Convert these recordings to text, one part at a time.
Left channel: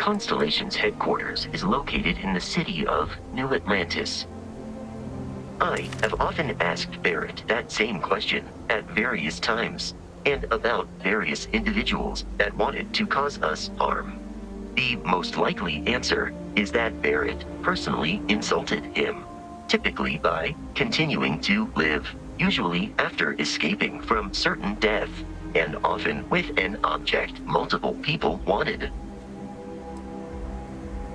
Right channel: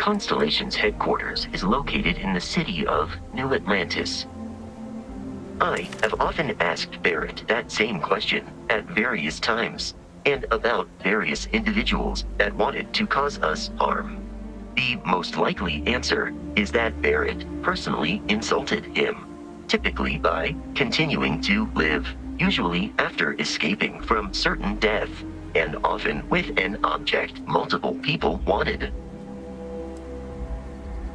Constellation's headquarters is located in the city of New Atlantis. I have often asked Barrett that same question at various times, and about various individuals that wanted to cause us harm. The most likely answer is that Barrett personally insulted him, typically by continuing to live, usually after escaping from certain death, and often with an object multiple people wanted.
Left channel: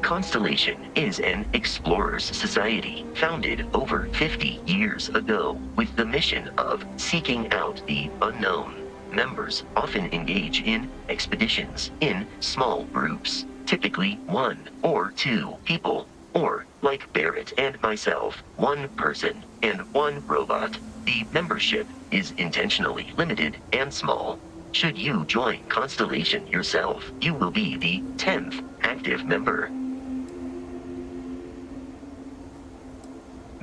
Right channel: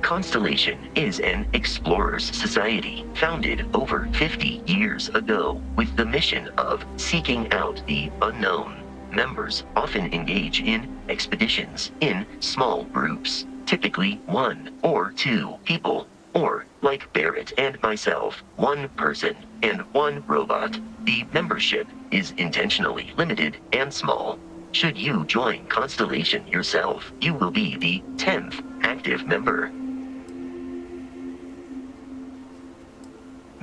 Constellation is an explorers society founded over 50 years ago with the mission of seeking out the unknown. Members often engage in expeditions in small groups, typically 1 or 2 people, or, like Barrett and myself, 1 person and 1 robot. The membership is intentionally limited and small. Should you join Constellation yourself, you will be the 10th active member.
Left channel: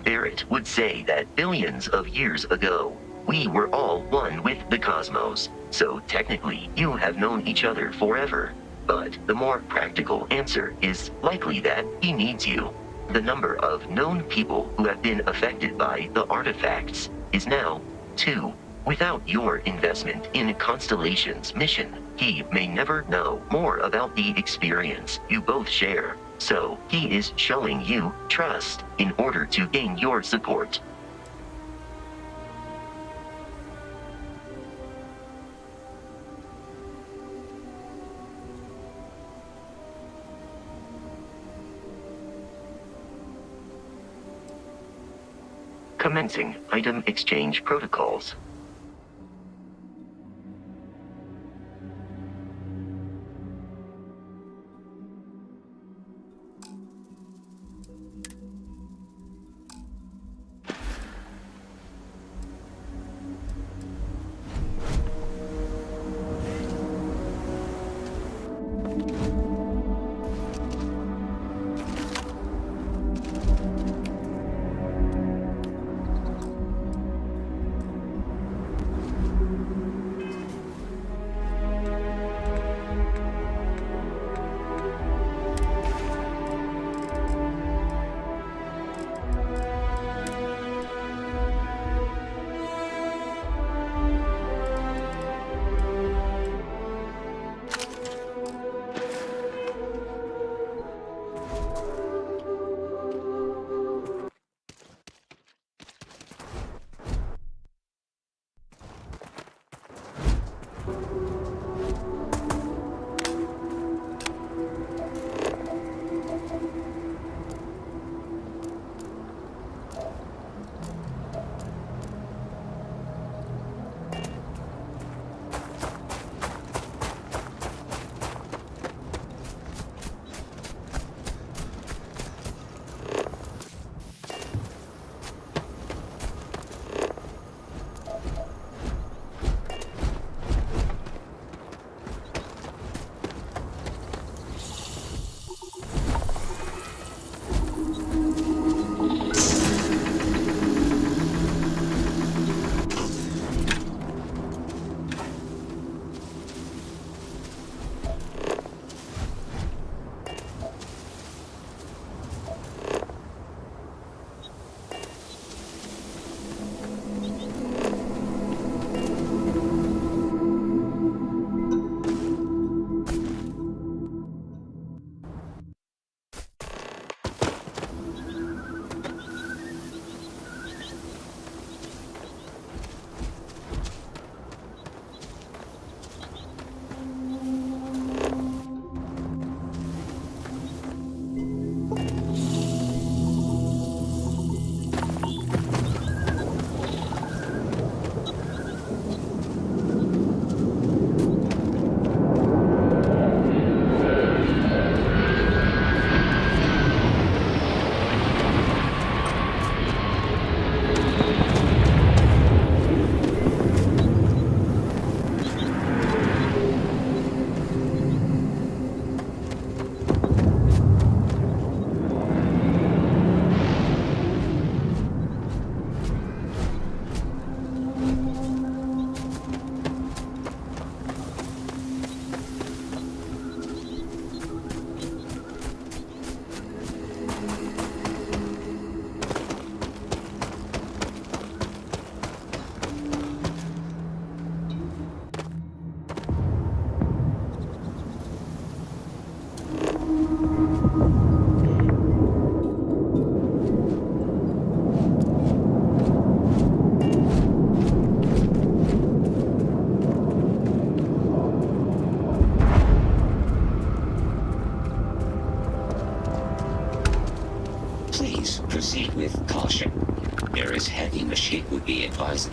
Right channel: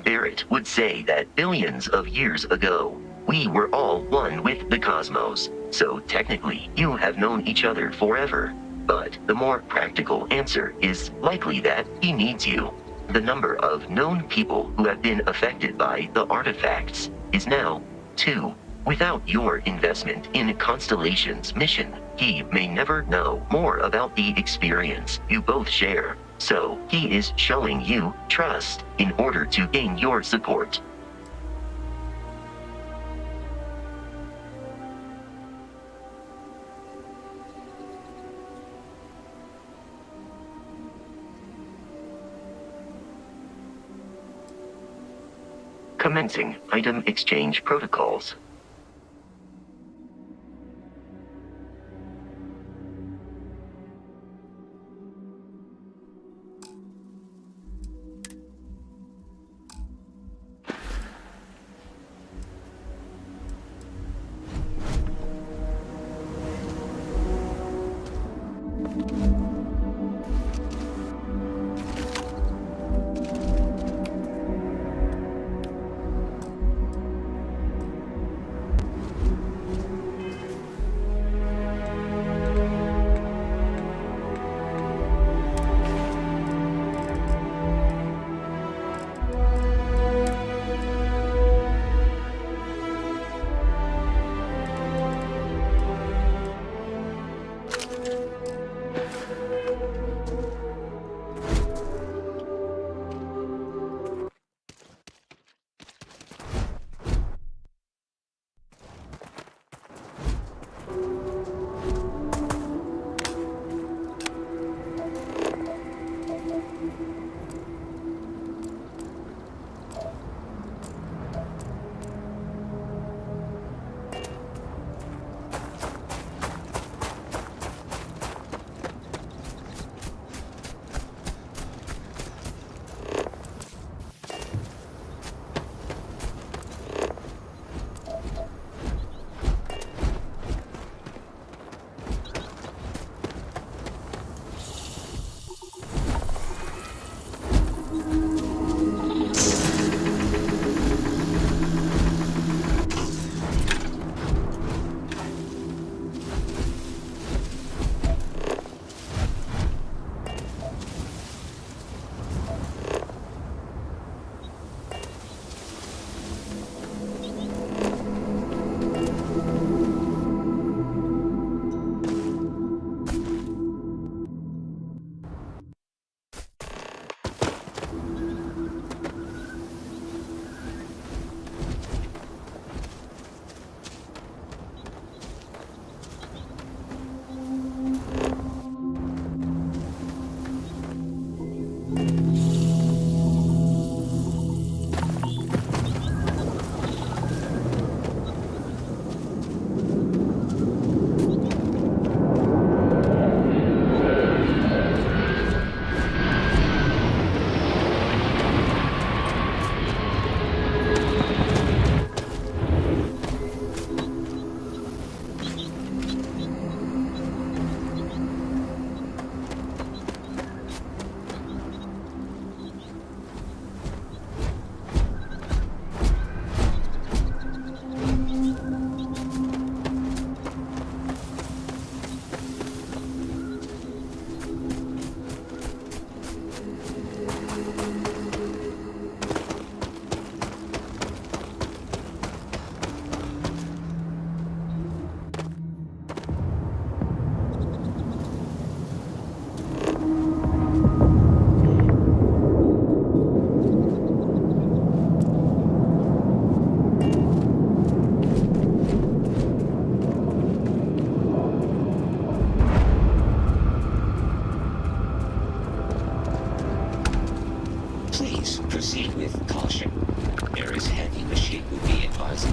Barrett would say that billions of years ago, we were all one with the cosmos, so technically you have known each other forever. But the more practical answer is likely that he needs you. The number of known people who have been affected by the artifacts is now 2. Without your investment in Constellation's mission, he may never know more about the experience you both share. So he is showing you trust in order to gain your support. Commencing item exchange protocols.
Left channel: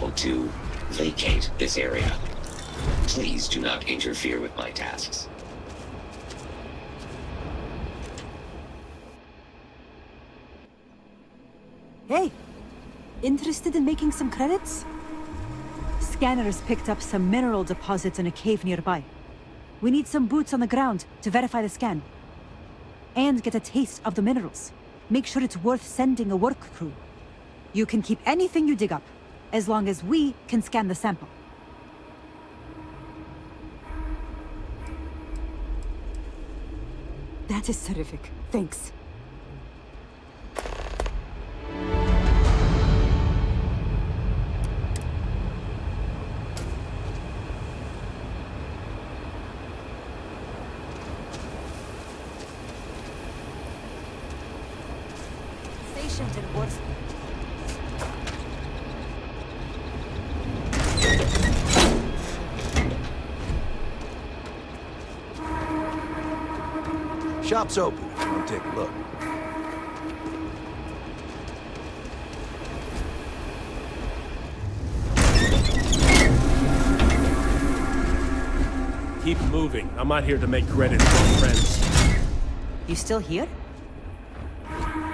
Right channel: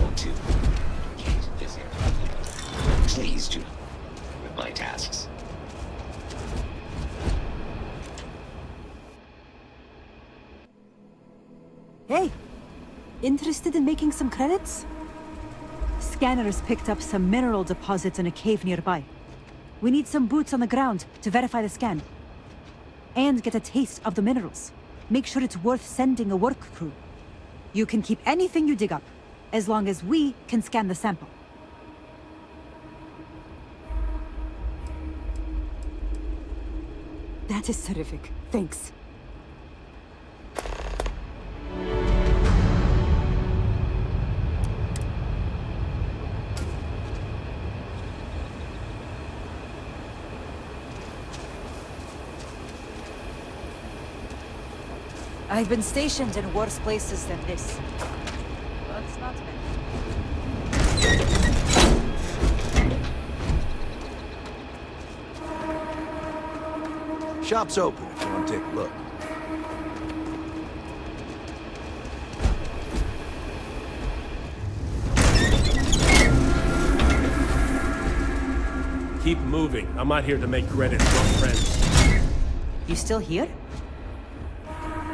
able to vacate this area. Please do not interfere with my tasks. Hey, interested in making some credits? Scanners picked up some mineral deposits in a cave nearby. We need some boots on the ground to verify the scan. And get a taste of the minerals. Make sure it's worth sending a work crew. You can keep anything you dig up, as long as we can scan the sample. That is terrific. Thanks. I've been stationed in worse places than this. Shop's open if you want to take a look. Keep moving. I'm not here to make credits for friends. You still here?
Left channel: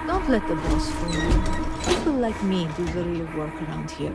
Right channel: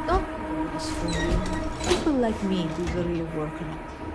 Don't let the boss fool you. People like me do the real work around here.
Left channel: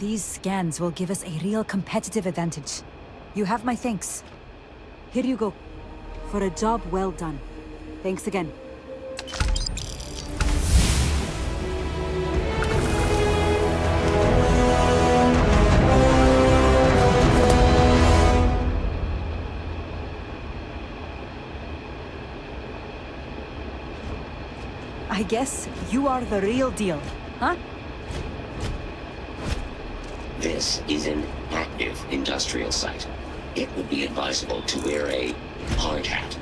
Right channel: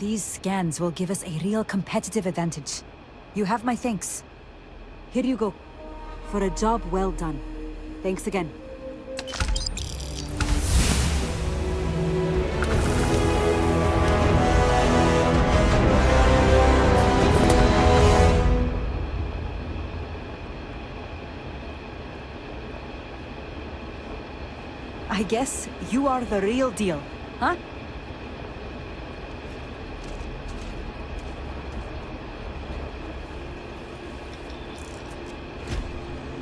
These scans will give us a real competitive advantage. You have my thanks. Here you go. For a job well done. Thanks again. I guess you are the real deal, huh? This is an active industrial site. It would be advisable to wear a hard hat.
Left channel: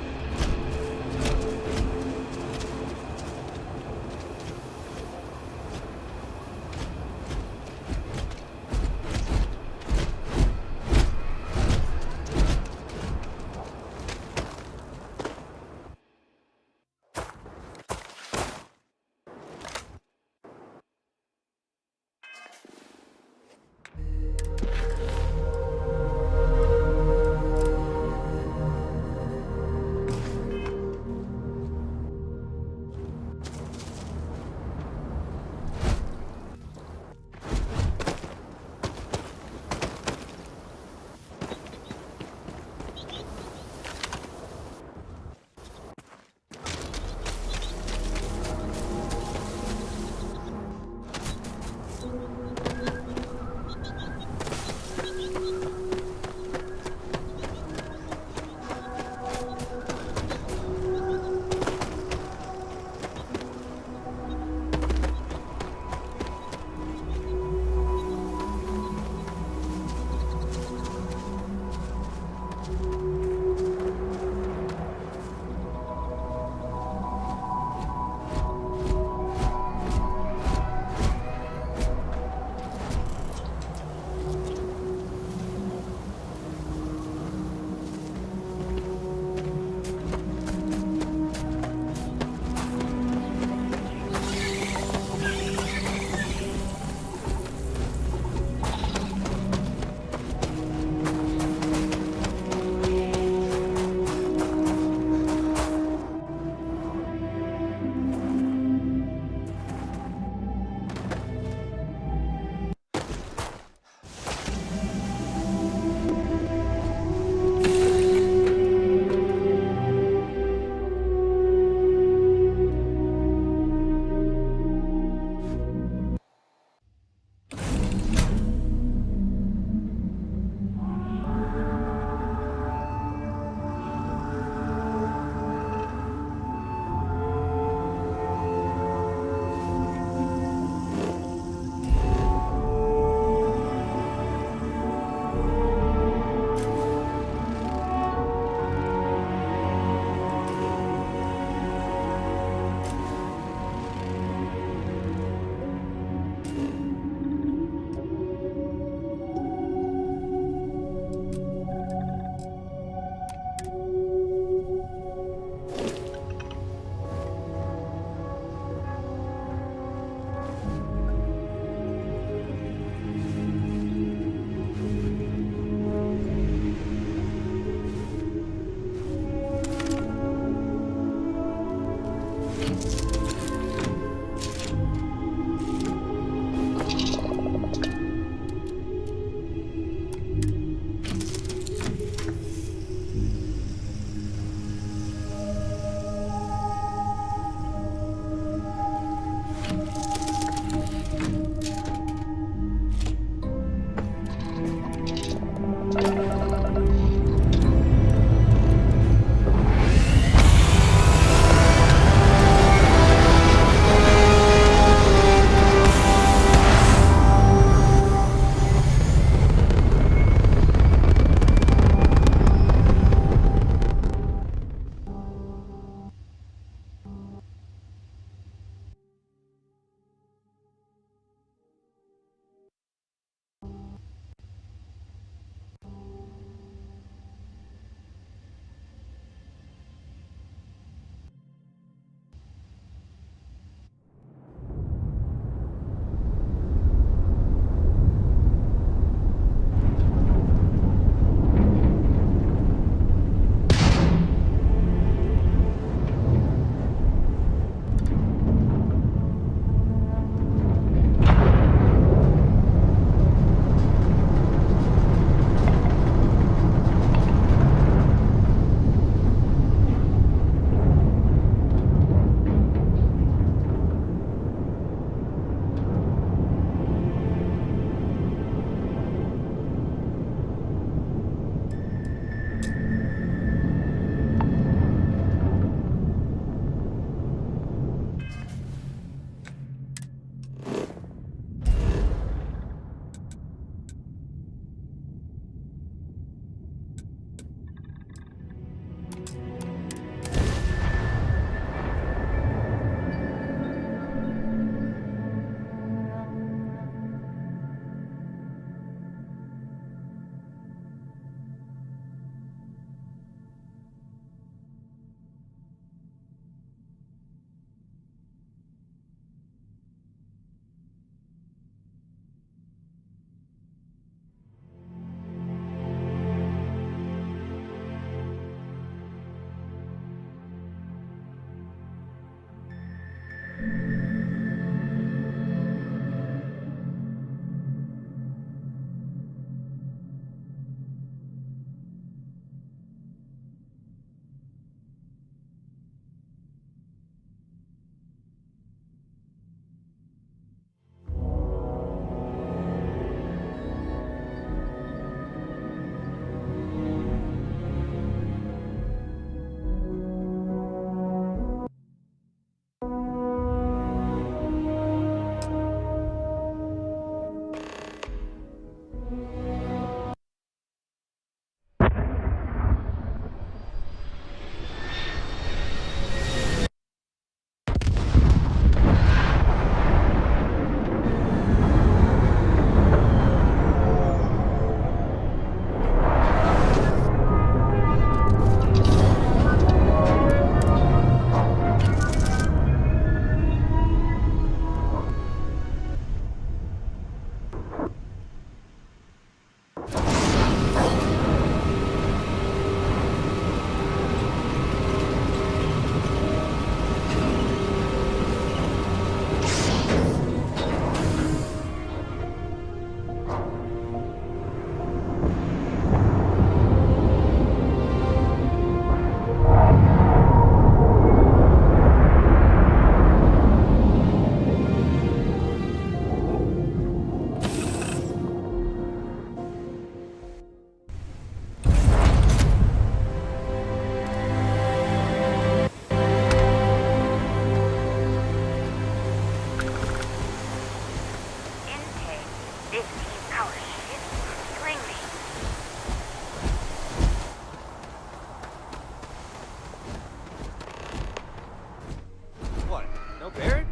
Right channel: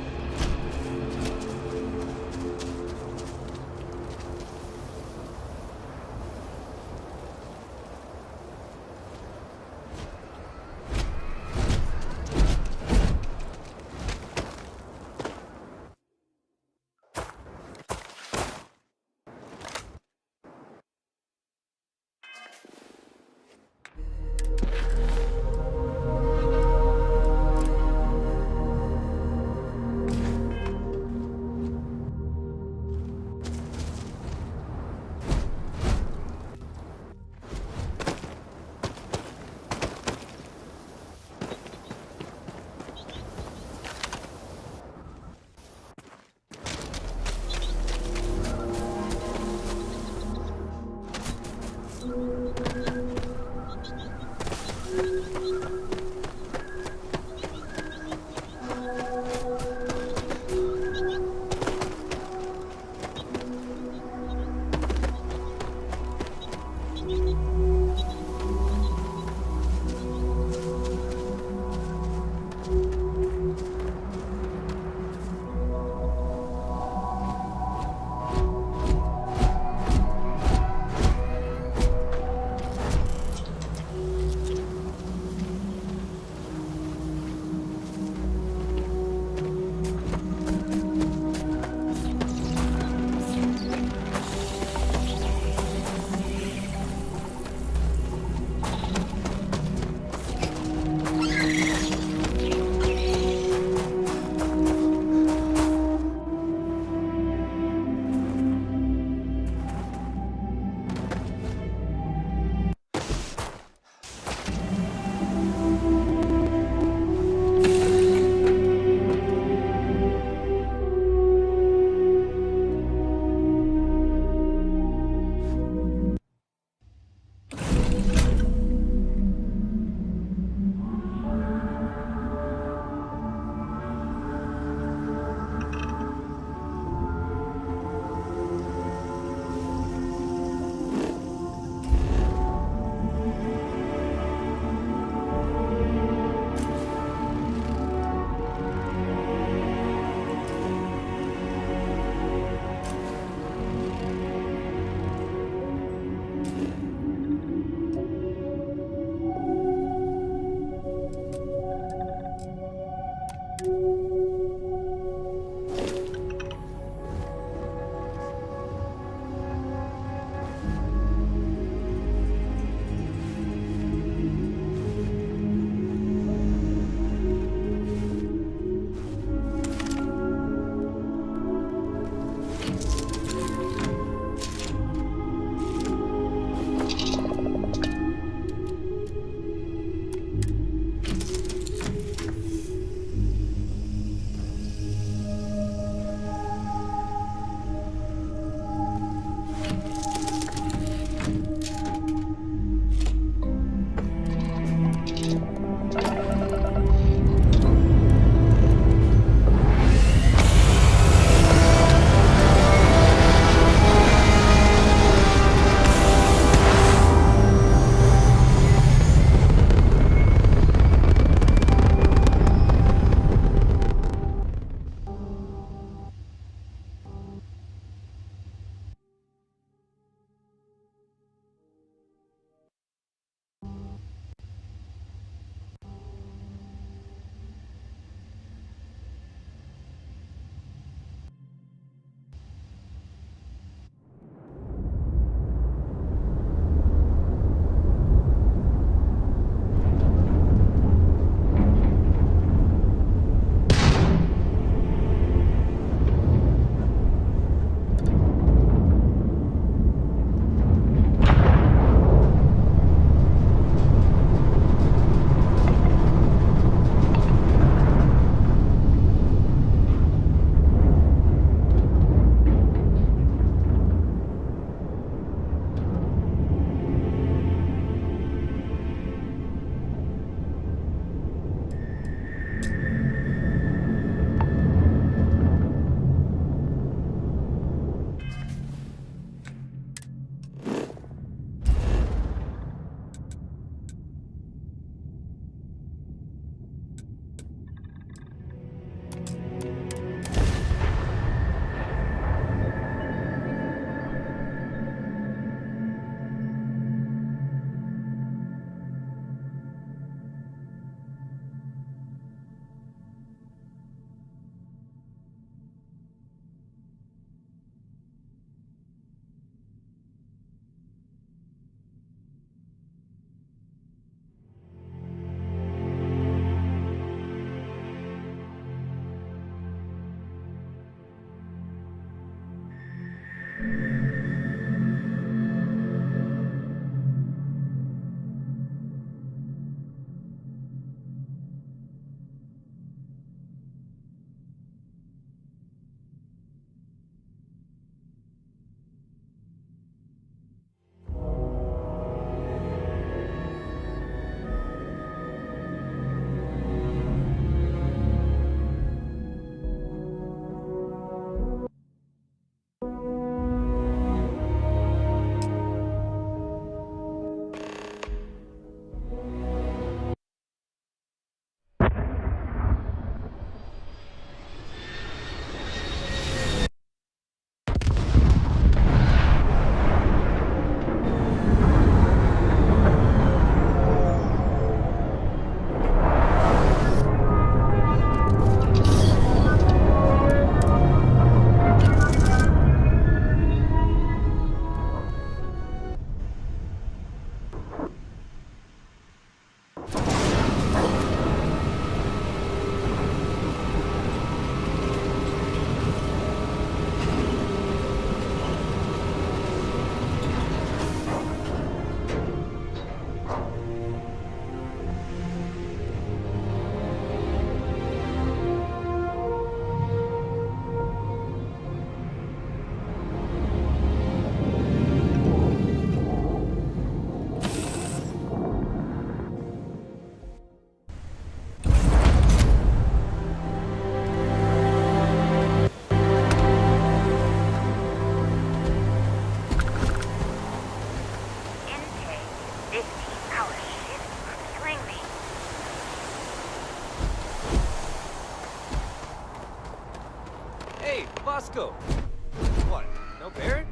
What? No Barrett?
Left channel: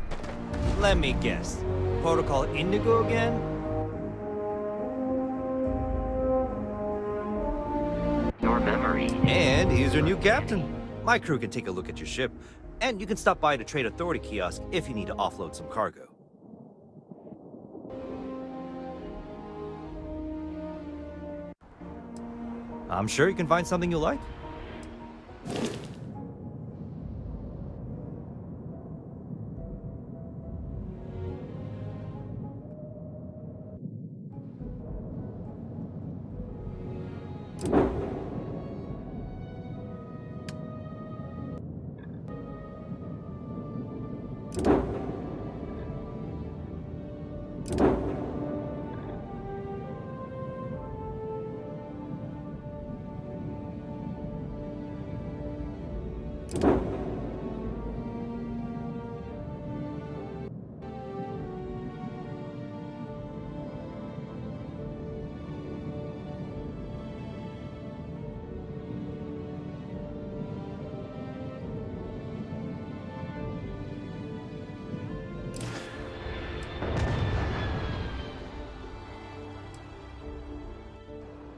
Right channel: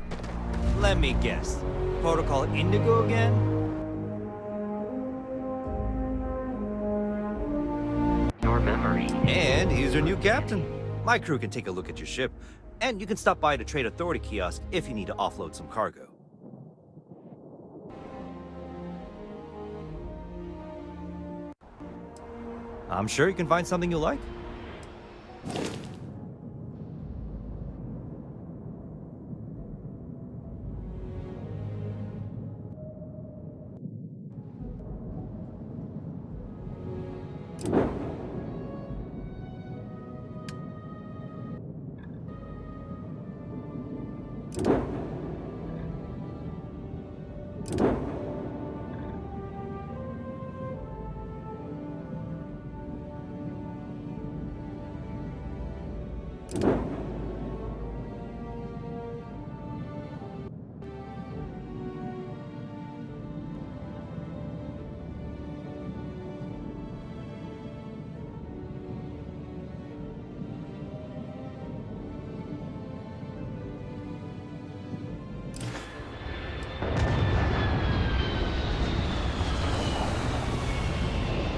Let me guess. Protocol Indigo again? Your memory. And he's your new captain. My crew can take a look at your ship, and you can stop by the Trade Authority kiosk if you need to offload some cargo. I'm sure you can find something you like.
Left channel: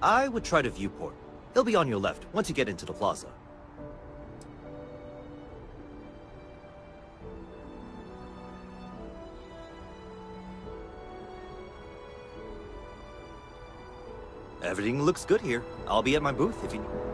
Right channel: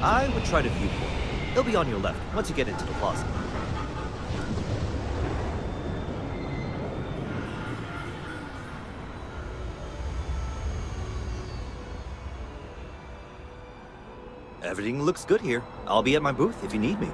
I would try the viewport. It'll be on your left once you get into the plaza. Everything looks good here. I'll be at my booth if you need me.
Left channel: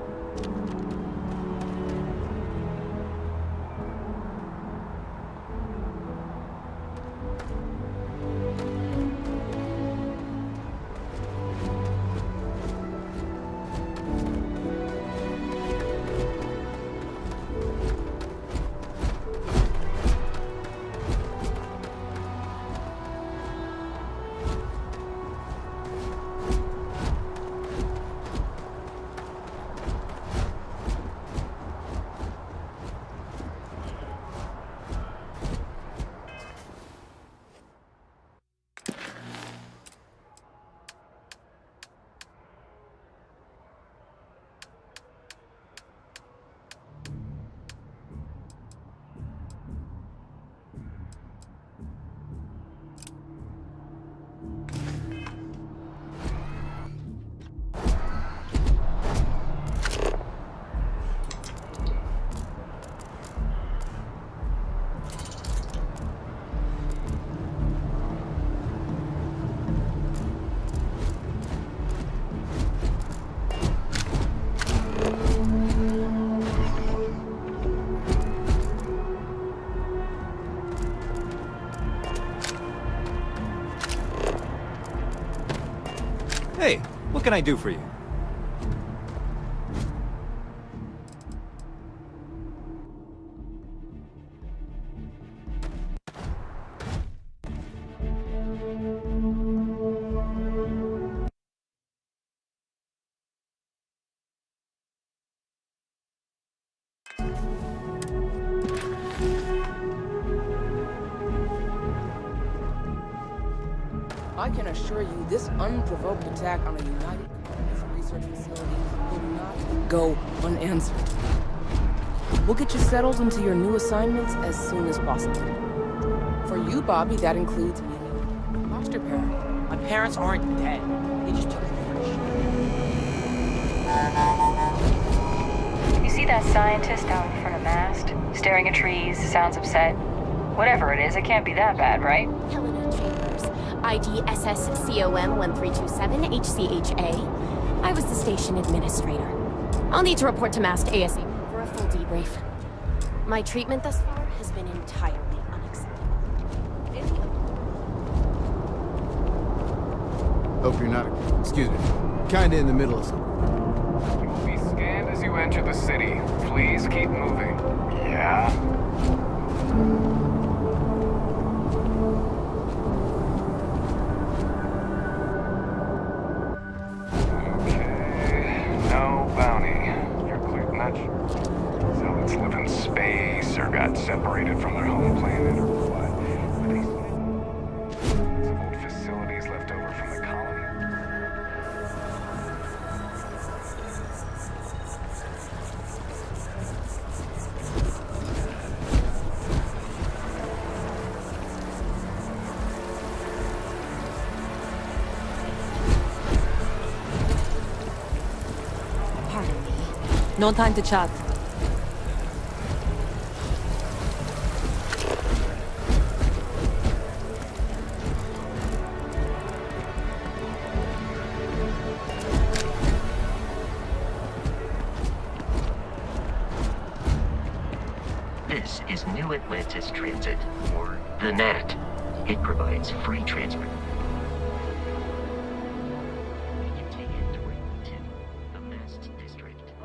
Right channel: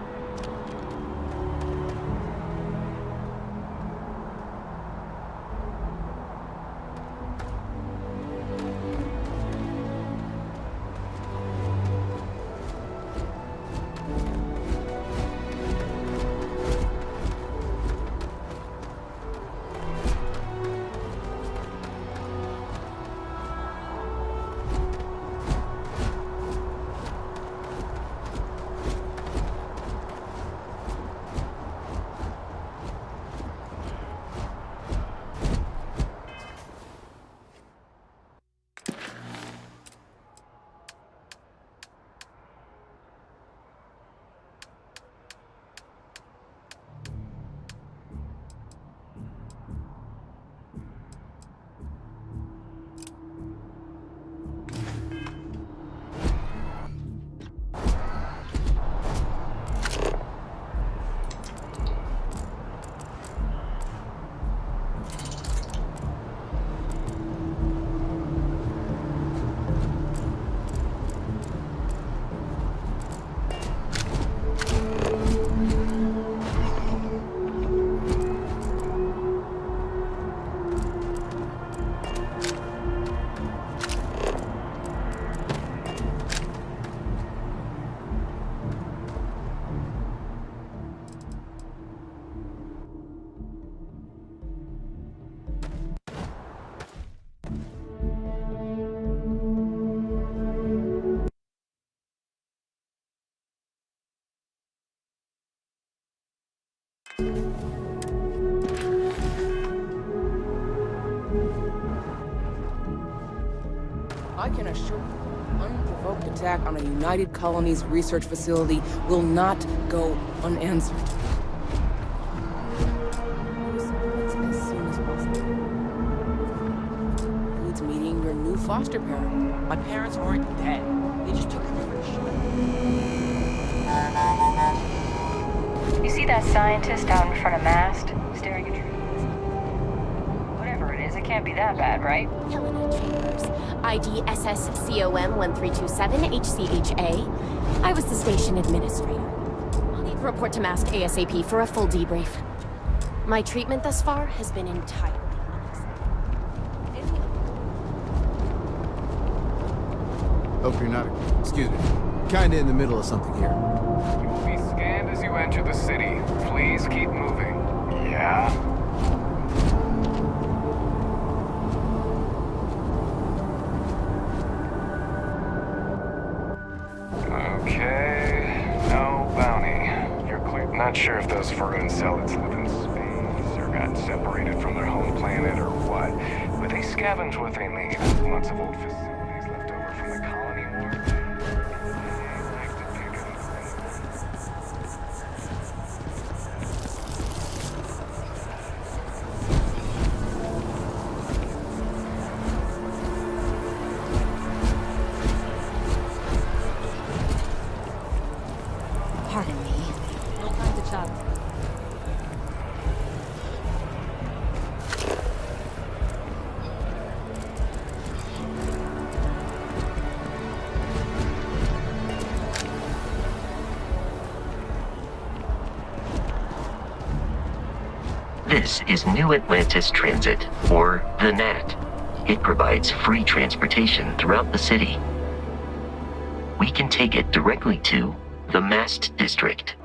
can I do for you? I can assure you this unprovoked attack on a United Colonies research facility will not go unanswered. We'll get you settled into your new assignments as soon as possible. For you, Bobby, that includes meeting your new foster parent. My parents aren't dead. They just took a vacation. You see that scientist out in front of mast, staring at trees, sounds upset? Whatever it is, it can't be that bad, right? Helena Chambers, ID SSCOM 1327 HCHA. I was the station administrator. I'll need to report to mast ASAP for a full debrief. My treatment thus far has been entirely unacceptable. Hope you're not, excuse me, kinda in the middle of something here. You will be scanned as you enter the city. Please keep moving. Yeah? Okay, no bounty. You're clear. Not sure if those Vermin zealots live in space or got separated from their home planet or what, but they scavenge what they need. Lots of old facilities left over from the colony war. Pardon me. No time to chat. This is New Atlantis Transit, or the NAT. It provides free transportation throughout the city. We can take it directly to the Mast District.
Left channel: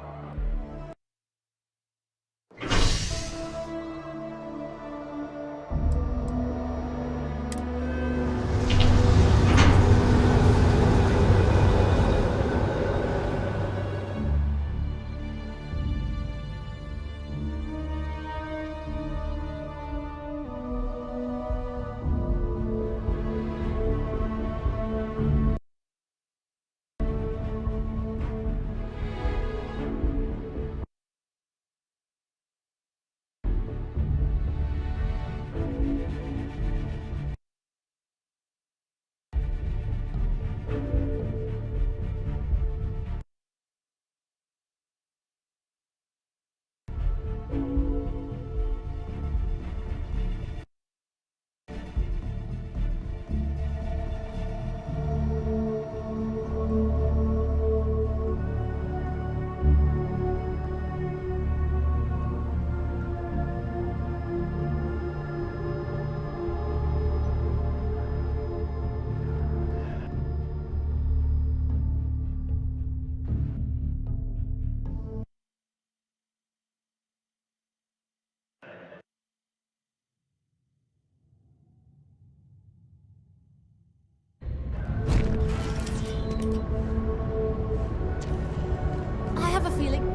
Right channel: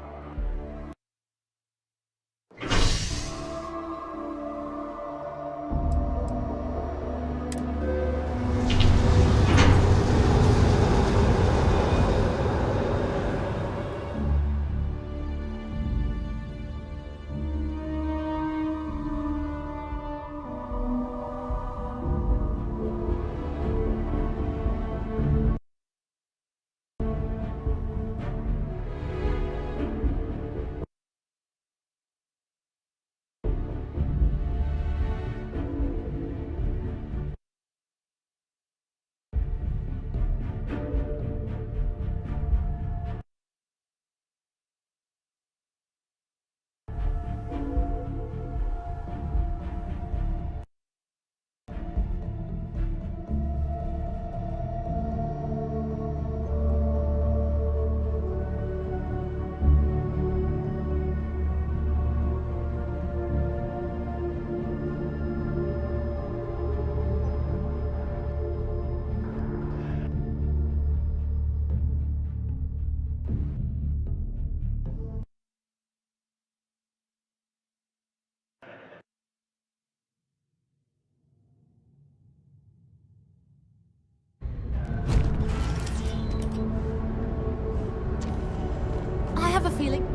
I have a feeling.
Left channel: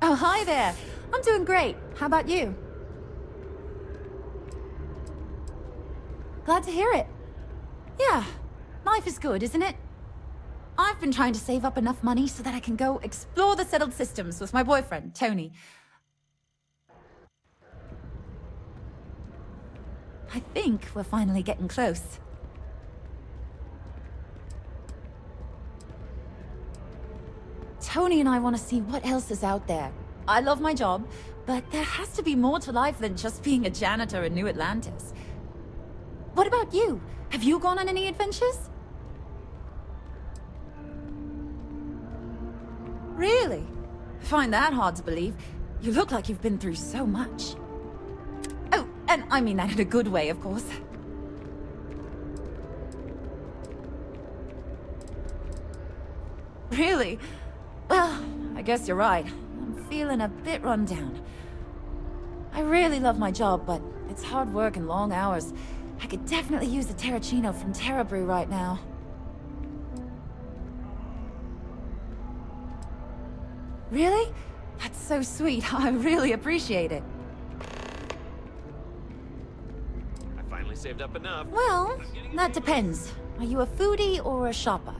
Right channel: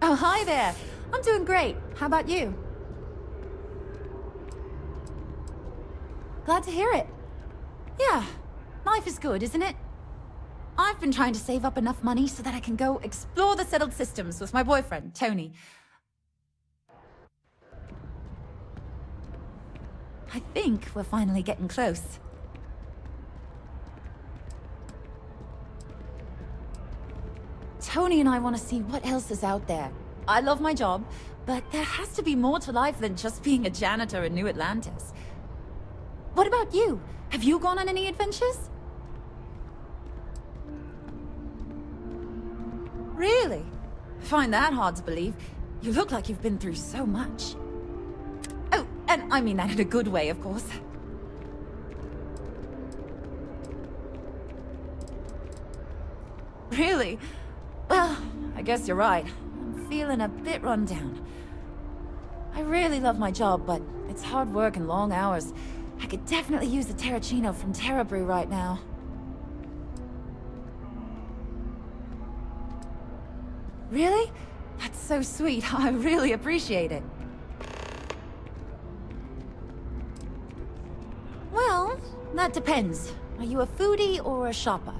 Oh, hi there. I'm doing great. How about you? Glad to hear it. Yeah, life is good, isn't it? I've been trying to save up enough money so that I can go explore the settled systems with my boyfriend, Tony. I think we're finally getting close. Tony and I want to see what else is out there. I love my job, but there has to be more to life than just being a janitor in New Atlantis. What about you? Have you gone on any adventures? Really? Find that hard to believe. You look like you've been through so much. Oh, and I mean that in a good way, of course. Really? Well, I guess you're right. I'm feeling a bit run down. I really love my job, but it's hard work and long hours. I could definitely use the Terracino from Terrabrew right now. Really? That's so sweet. I really appreciate it. I finally saved up enough. Well, that depends. Are you a foodie or a shopper?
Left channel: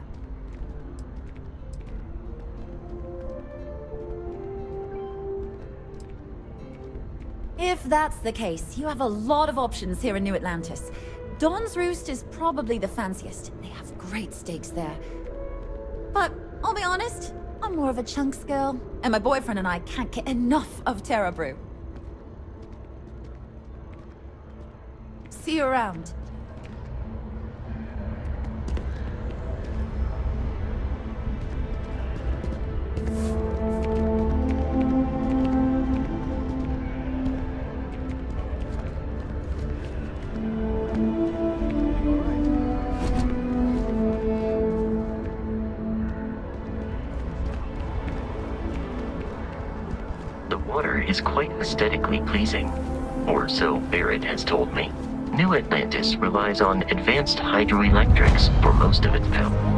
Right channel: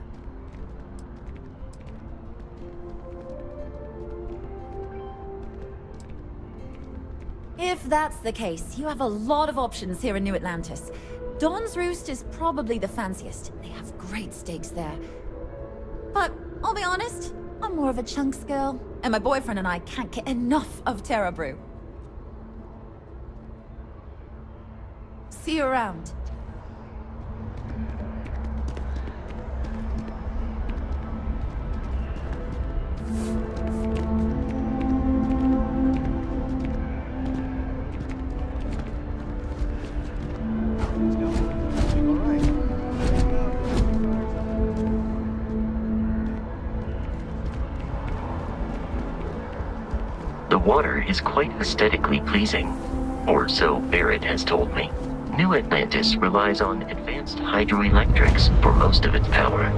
If that's the case, you have a lot of options here in New Atlantis. Don's Roost is probably the fanciest. They have great steaks there. But I'll be honest, I'm more of a chunks girl, and my boyfriend and I can't get enough of Terrabrew. See you around. The water is quite aesthetically pleasing, or so Barrett has told me. New Atlantis relies on advanced hydroelectrics for most of its power.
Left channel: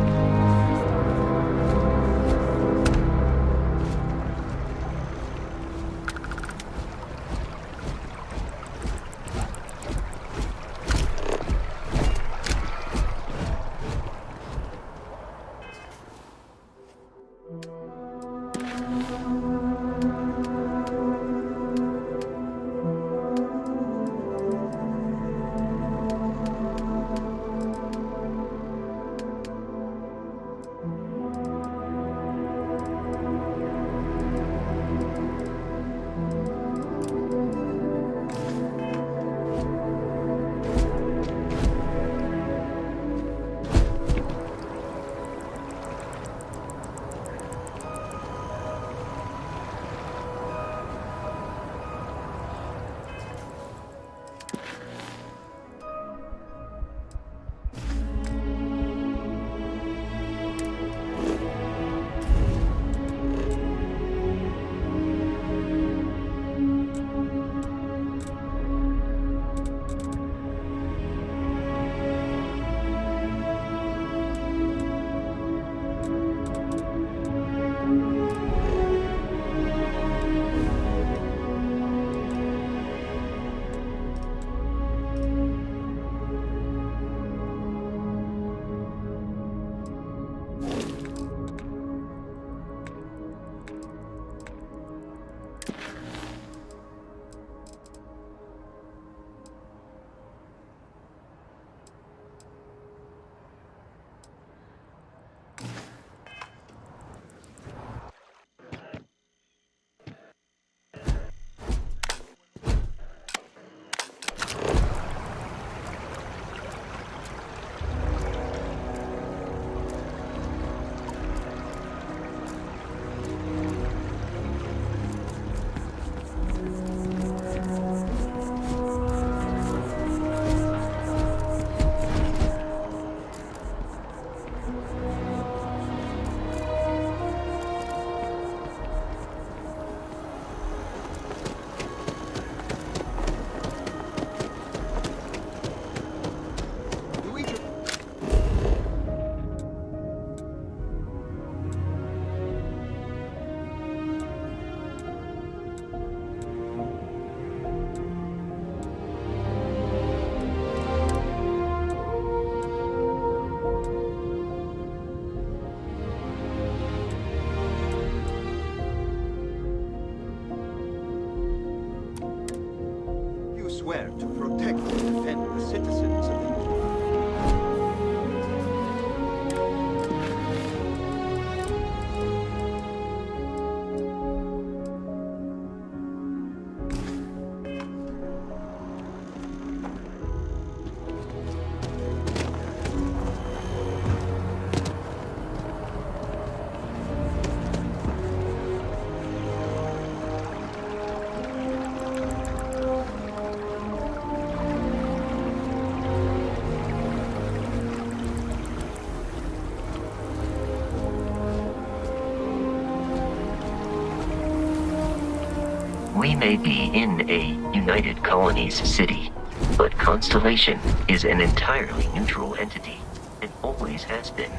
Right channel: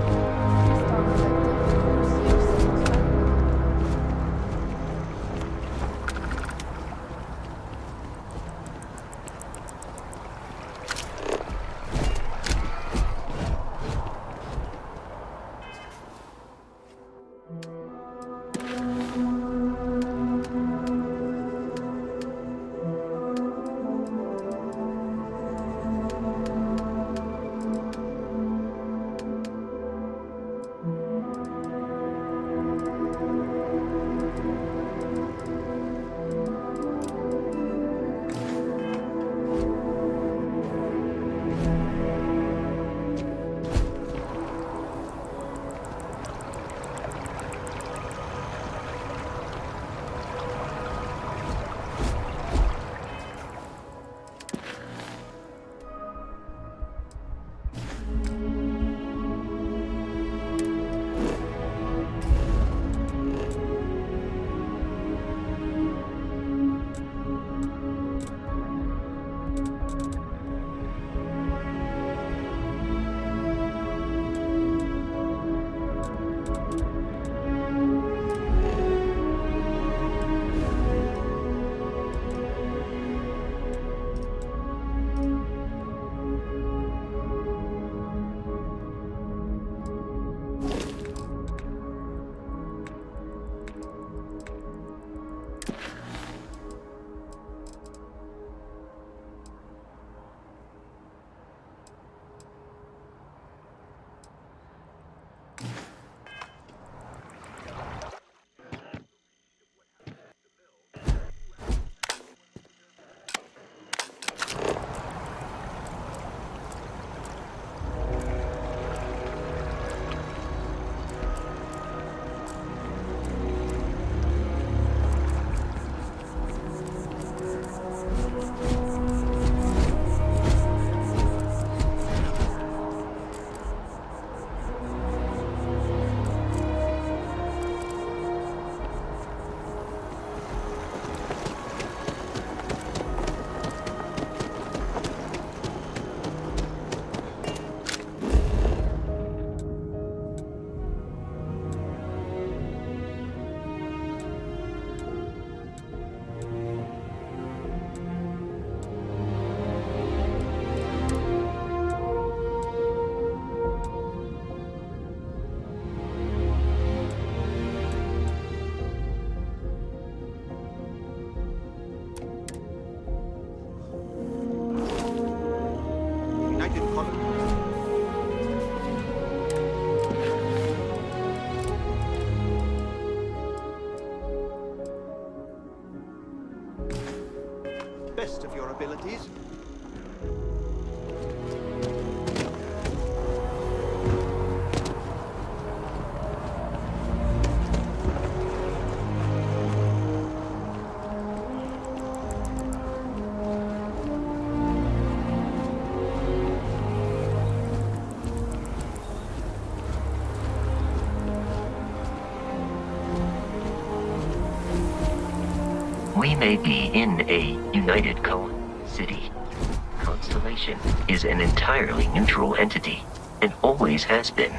We may be in a United Colonies city, but Constellation is an entirely neutral entity, and always has been.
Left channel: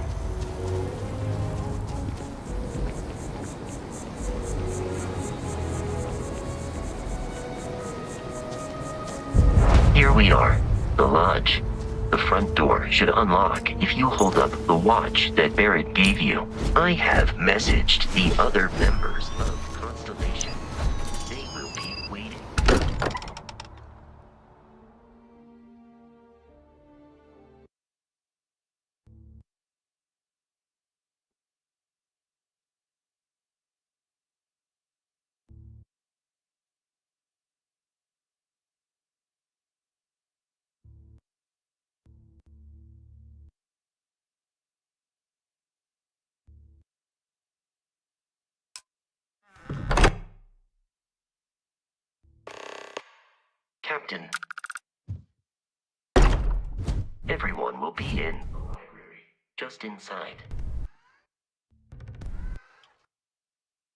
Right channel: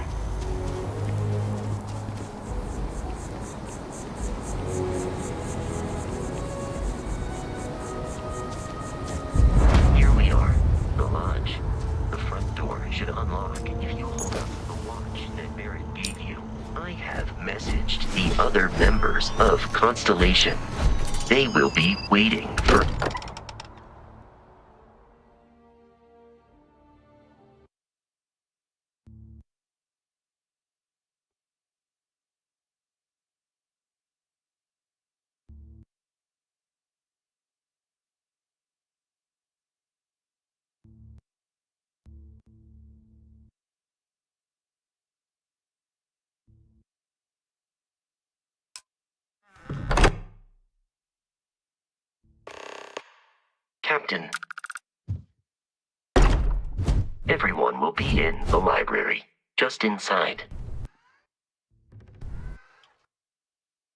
Here we are, the lodge. The front door should unlock if you hold up the watch that Barrett gave you. I have messaged the other members of Constellation. They will be waiting for... Captain. Everyone will be in the library, just inside.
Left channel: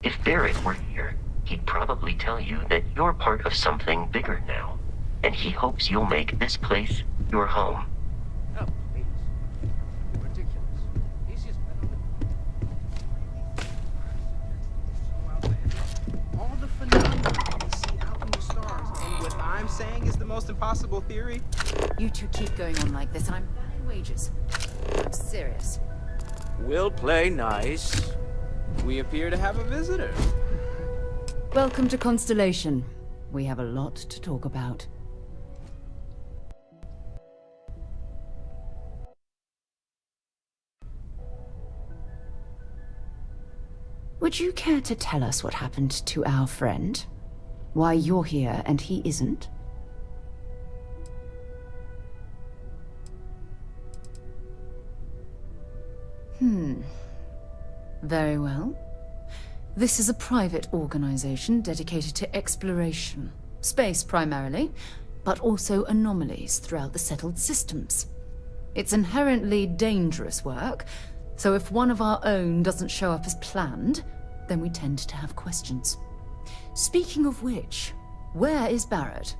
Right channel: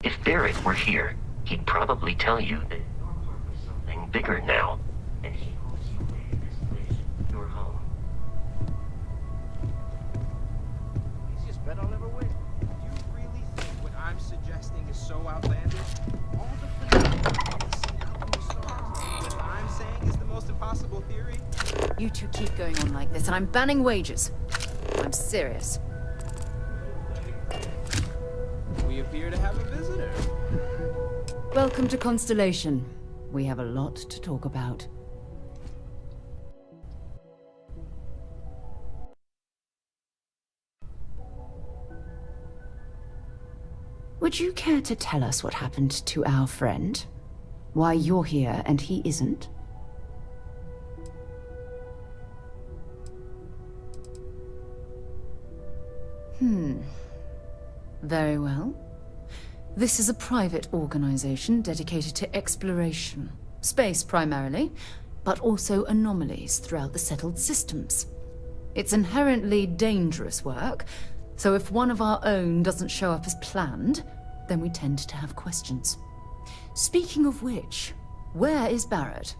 If Barrett were here, he'd probably tell you that you're part of something bigger now, and he hopes you'll make this place your home. Oh, please. Ridiculous. Easiest bet I'll ever win. Do you really think what I'm suggesting is so outlandish? All the phenomena can see out in the stars, and what I'm saying is the most impossible theory? You two keep going on like this, and I'm banning wagers. I'm serious. We'll play nice. We appear to have a visitor. Welcome to Constellation. We have a lot to talk about. Would you care to tell us what happened to our friend? Why you're here and he isn't? Very well. This is a private organization dedicated to exploration. Space primarily, but also anomalies throughout the settled systems. It's inherently dangerous work, so if one of our own doesn't show up as planned, then we tend to have questions. Speaking of which, where is Barrett?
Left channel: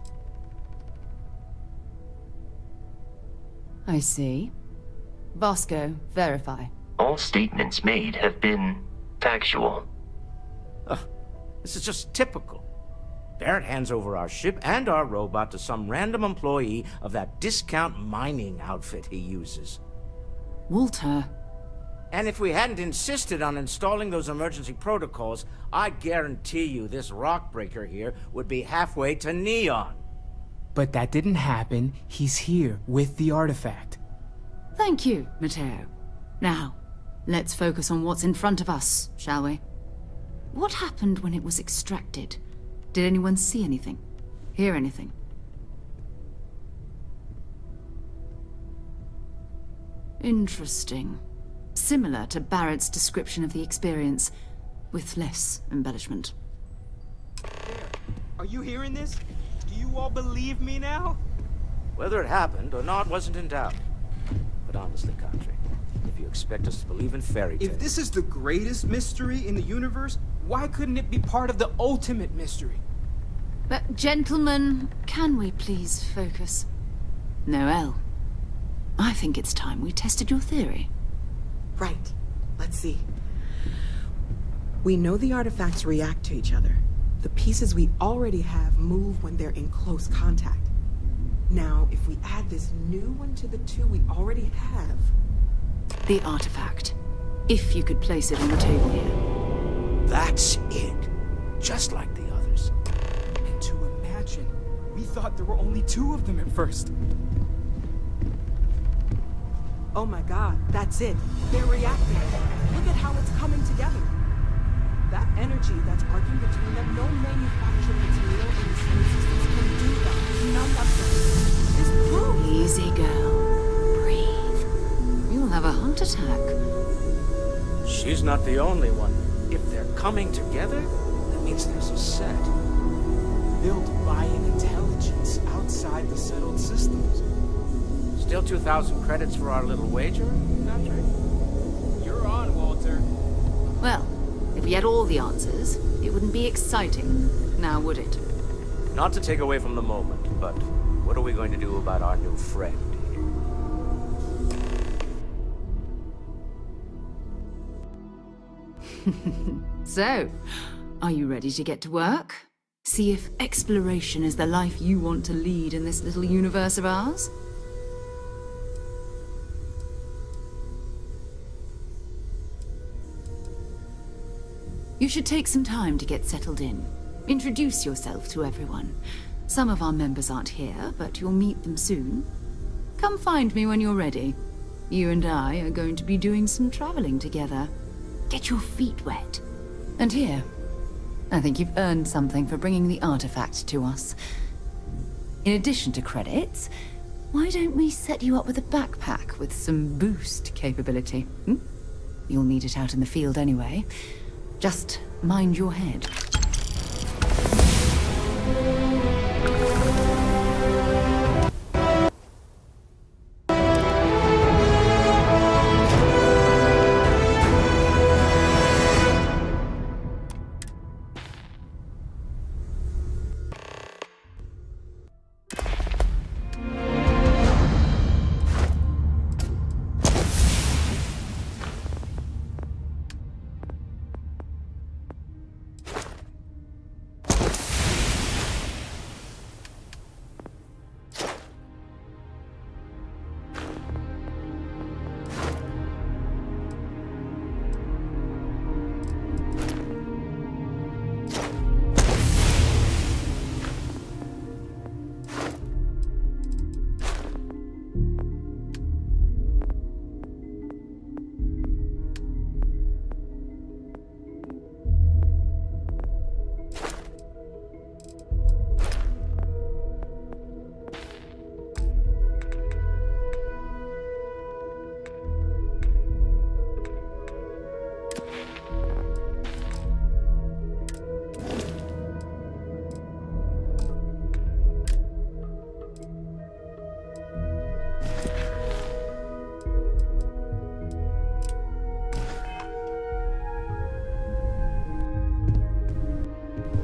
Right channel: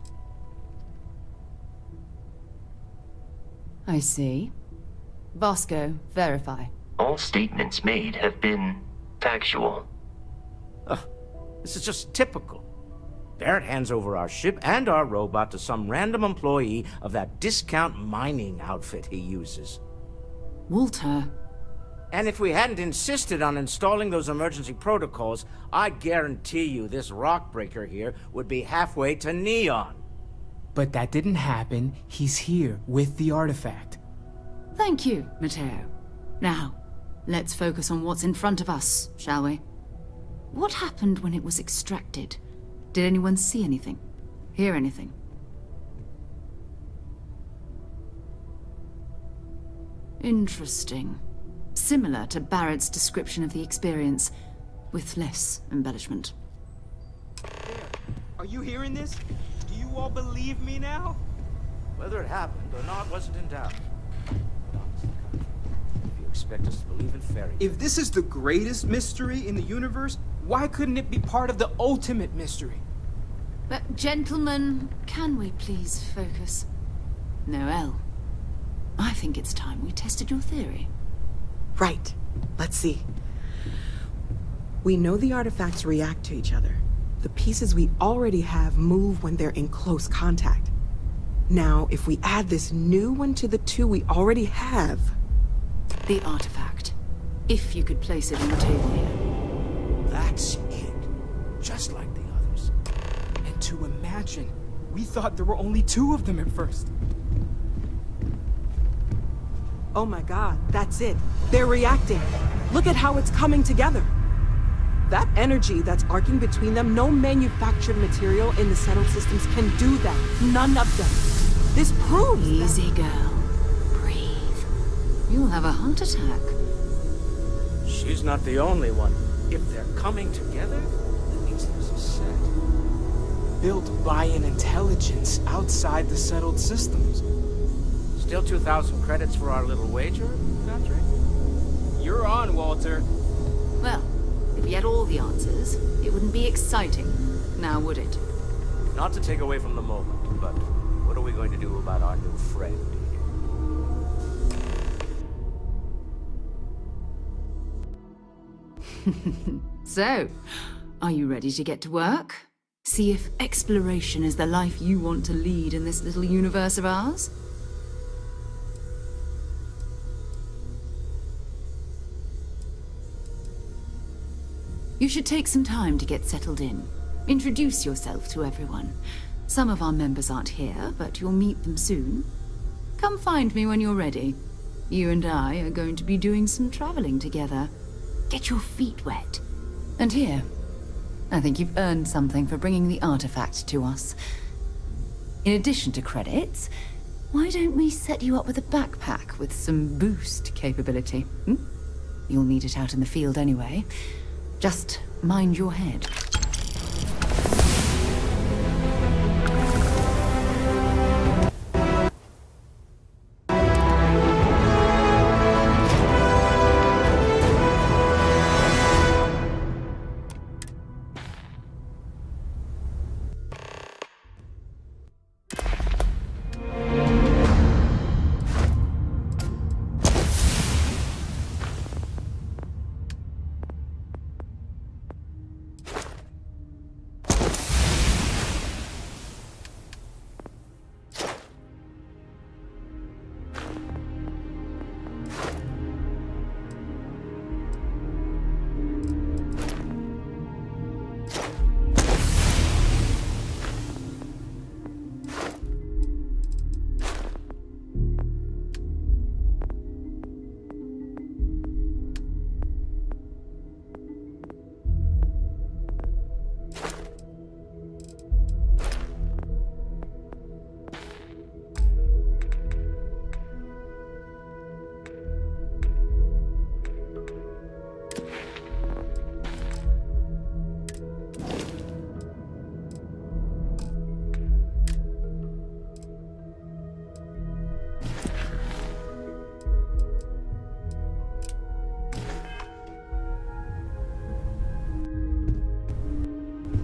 I see. Vasco, verify. All statements made have been factual. This is just typical. Barrett hands over our ship and our robot to some random employee of that discount mining outfit he uses. Walter. And if we hadn't insisted on installing those emergency protocols, I guarantee you this rock breaker here would be halfway to Neon. But that didn't happen. He's here with the artifact. Thank you, Matteo. Now, let's focus on what's in front of us, shall we? What happened when it was extracted? Did anyone see anything? Hear anything? Interesting. Similar to Barrett's description of the experience, with less embellishment. There. Are you hearing this? Do you all believe me now? Whether it happened or not wasn't in doubt. But honestly, Country, if you expect us to believe in fairy tales... If this is the greatest mystery in the universe, why couldn't it be part of the ultimate mystery? But, gentlemen, can we please focus? Noelle, I think it's time we tested your theory. Right. Let's see. We know the artifacts react to each other. The pieces we already have move when they're in close contact. Now, if we add this new one to the two we already have... The artifact. If you could place it on the table here. That's it. Just like the others. And to imagine, we thought there were only 2 of them at first. Oh my god, that's it. They're reacting. Look at how it's coming together. That energy that's arcing between them, no manufactured material in the settled systems can do that. None of them. This proves... Easy, girl. Breathe. You'll have a heart attack. She's not the only one. If they're coming together, that means there's a set. Built by an intelligence outside the settled systems. Still 2,000 credits for our little wager, Country? You're on, Walter. Well, If we had all the answers, it wouldn't be exciting, now would it? Not to take away from the moment, but what are we going to do about our new friend? So, are you ready to get to work? See if exploration is the life you want to lead in this little universe of ours? You should take some time to get settled in. Introduce yourself to everyone. Some of our members aren't here, but you'll meet them soon. Come find me when you're ready. You and I are going to be doing some traveling together. Get your feet wet. And here, I think you've earned something for bringing the artifact to us. In addition to credits, why don't we set you up with a backpack with some boost capability? You'll need it out in the field anyway. Just mind your head.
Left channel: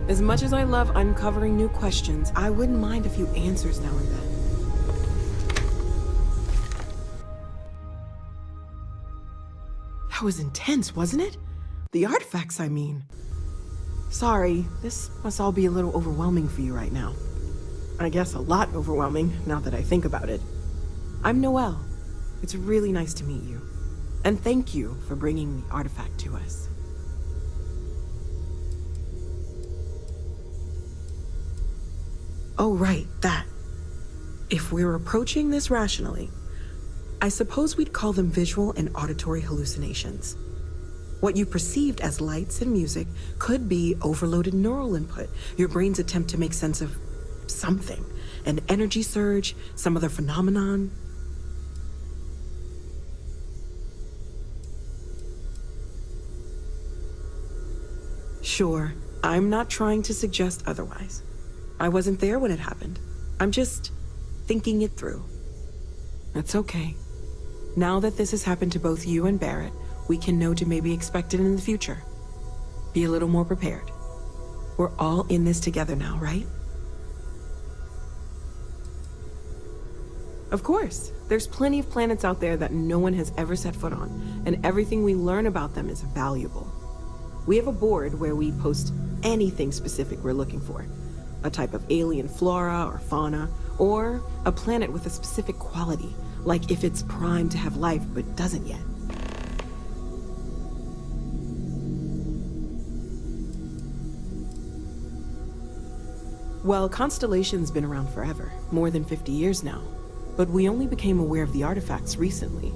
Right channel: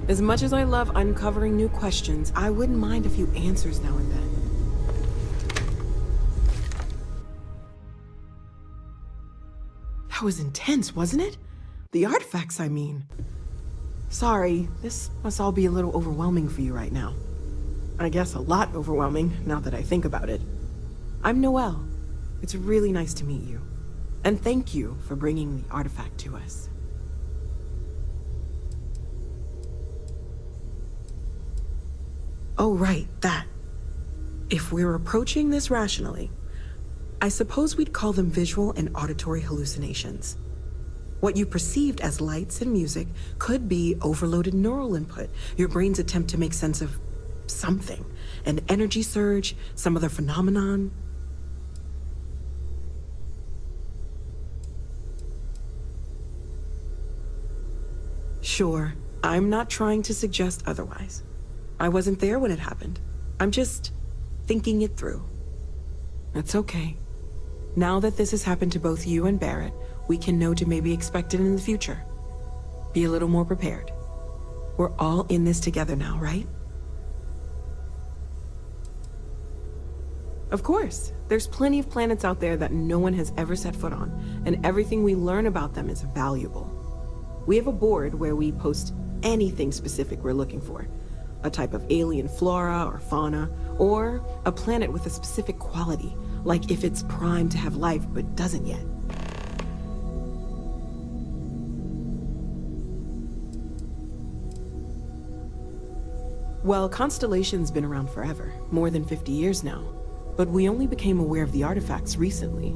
As much as I love uncovering new questions, I wouldn't mind a few answers now and then. That was intense, wasn't it? The artifacts, I mean. Sorry, this must all be a little overwhelming for you right now. I guess a lot overwhelming, now that I think about it. I'm Noelle. It's really nice to meet you. And thank you for bringing the artifact to us. Oh, right, that. If we're approaching this rationally, I suppose we'd call them visual and auditory hallucinations. What you perceived as lights and music could be overloaded neural input, your brain's attempt to make sense of something, an energy surge, some other phenomenon. Sure, I'm not trying to suggest otherwise. I wasn't there when it happened. I'm just thinking it through. It's okay. Now that this has happened to both you and Barrett, we can know to maybe expect it in the future. Be a little more prepared. We're all in this together now, right? Of course. There's plenty of planets out there that no one has ever set foot on, and everything we learn about them is valuable. We have a board where we post anything specific we're looking for. A type of alien flora or fauna, or a planet with a specific quality, like if it's primed to have life but doesn't yet. Well, Constellation's been around forever, more than 50 years now, but we only became aware of the artifacts recently.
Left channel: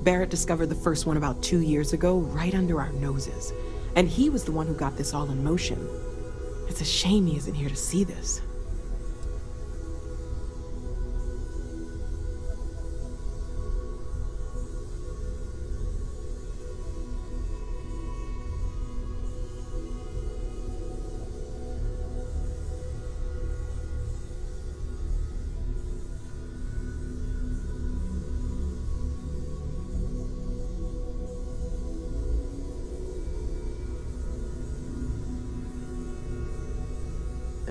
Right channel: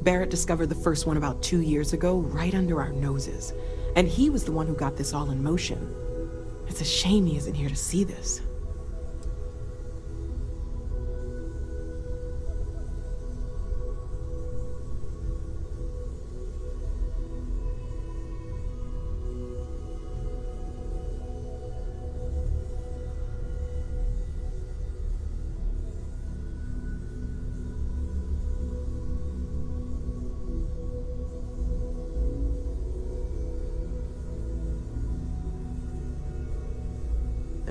Barrett discovered the first one about 2 years ago, right under our noses, and he was the one who got this all in motion. It's a shame he isn't here to see this.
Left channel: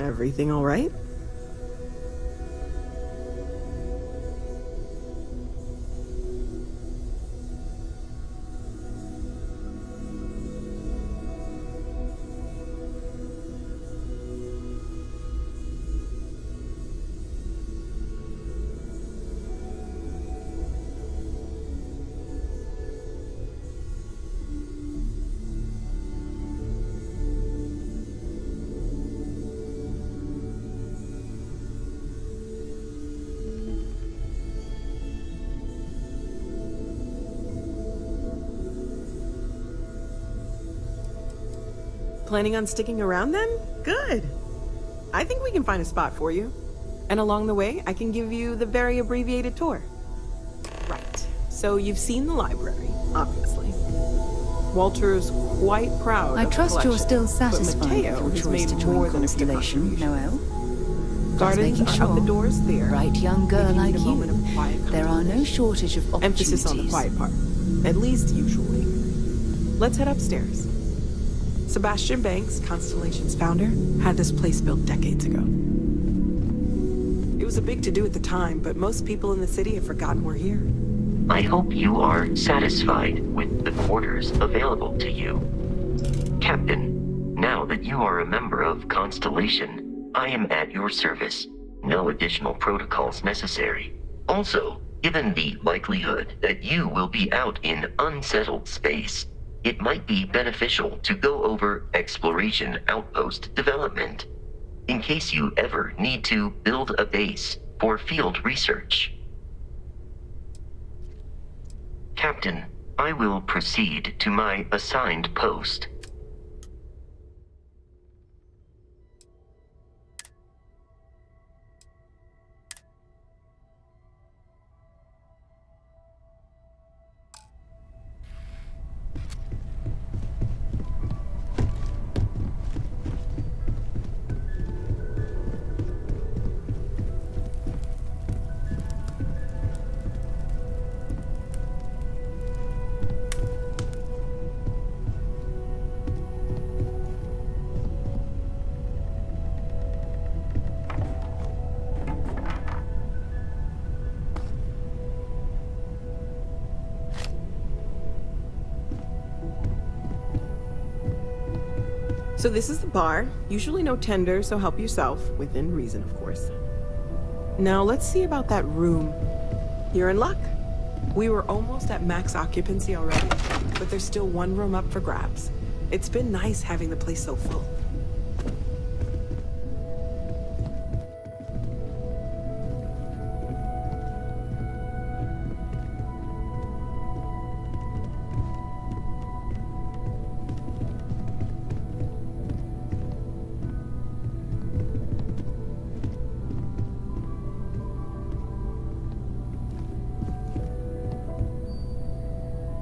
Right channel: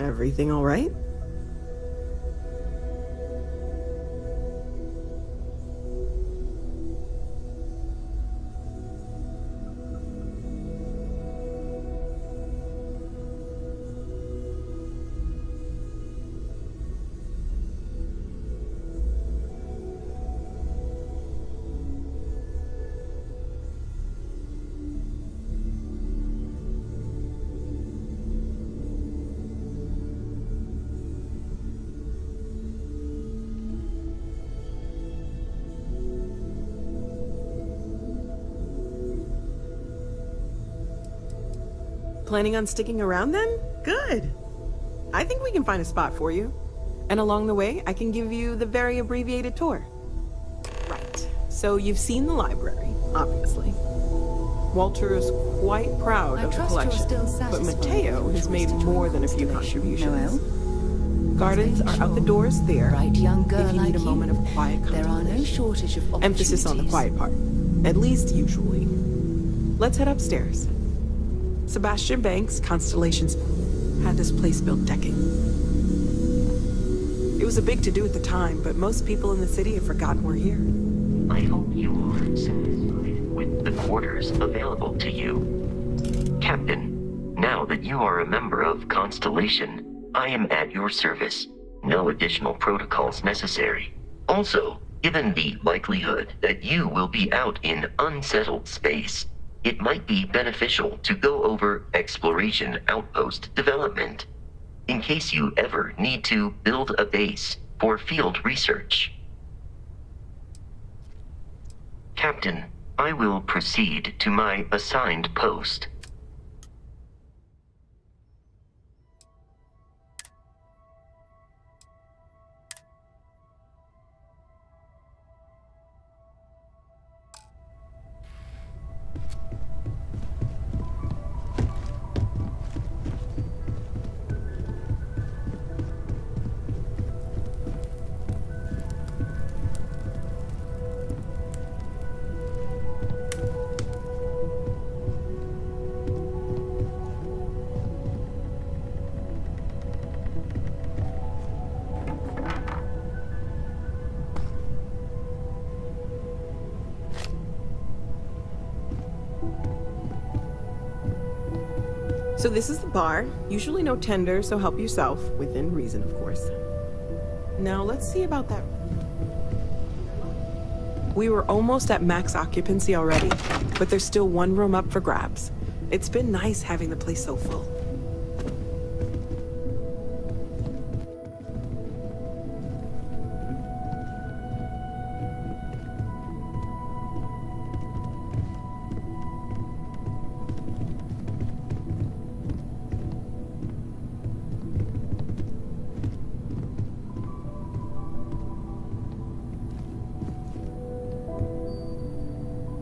Everything all right? Planning on sticking around then? Good. I think we can find a spot for you. And along the way, I can give you the very abbreviated tour. Right. So you've seen the library, obviously. Walter is quite proud I of the trust collection. you're still satisfied But Mateo with has your made choice to more join than a few Constellation, contributions. Noel? Gardens Just are out the making doors there. Bright young girl if you like need a moment of quiet there are no shortage of opportunities. Emphasis on the quiet part. At least usually. Let's head upstairs. Sebastian Banks, Constellation's founder, had this place built decades ago. It was a big to-do at the time, but most people in the city have forgotten we're here. I hope you are satisfied with the quarters available to you. Captain, now that you are a member of Constellation, I am at your service. No additional protocols necessary. Also, given the likelihood that you will be out in unsettled space, it might be beneficial to go over exploration outpost development, in case you ever need to build a base for field research. Captain, I will proceed to my assigned post. So this is the bar. Usually no tender, so help yourself. Within reason, of course. Now let's see about that room. You're in luck. We were almost at max occupancy already, but there's still one room up for grabs. It's been nice having the place so full.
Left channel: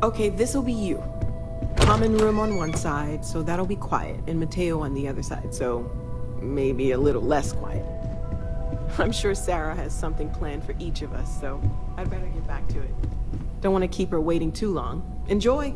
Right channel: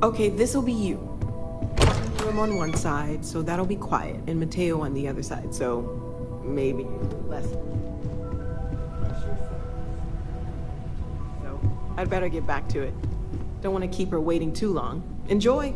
Okay, this'll be you. Common room on one side, so that'll be quiet, and Mateo on the other side, so maybe a little less quiet. I'm sure Sarah has something planned for each of us, so I'd better get back to it. Don't want to keep her waiting too long. Enjoy!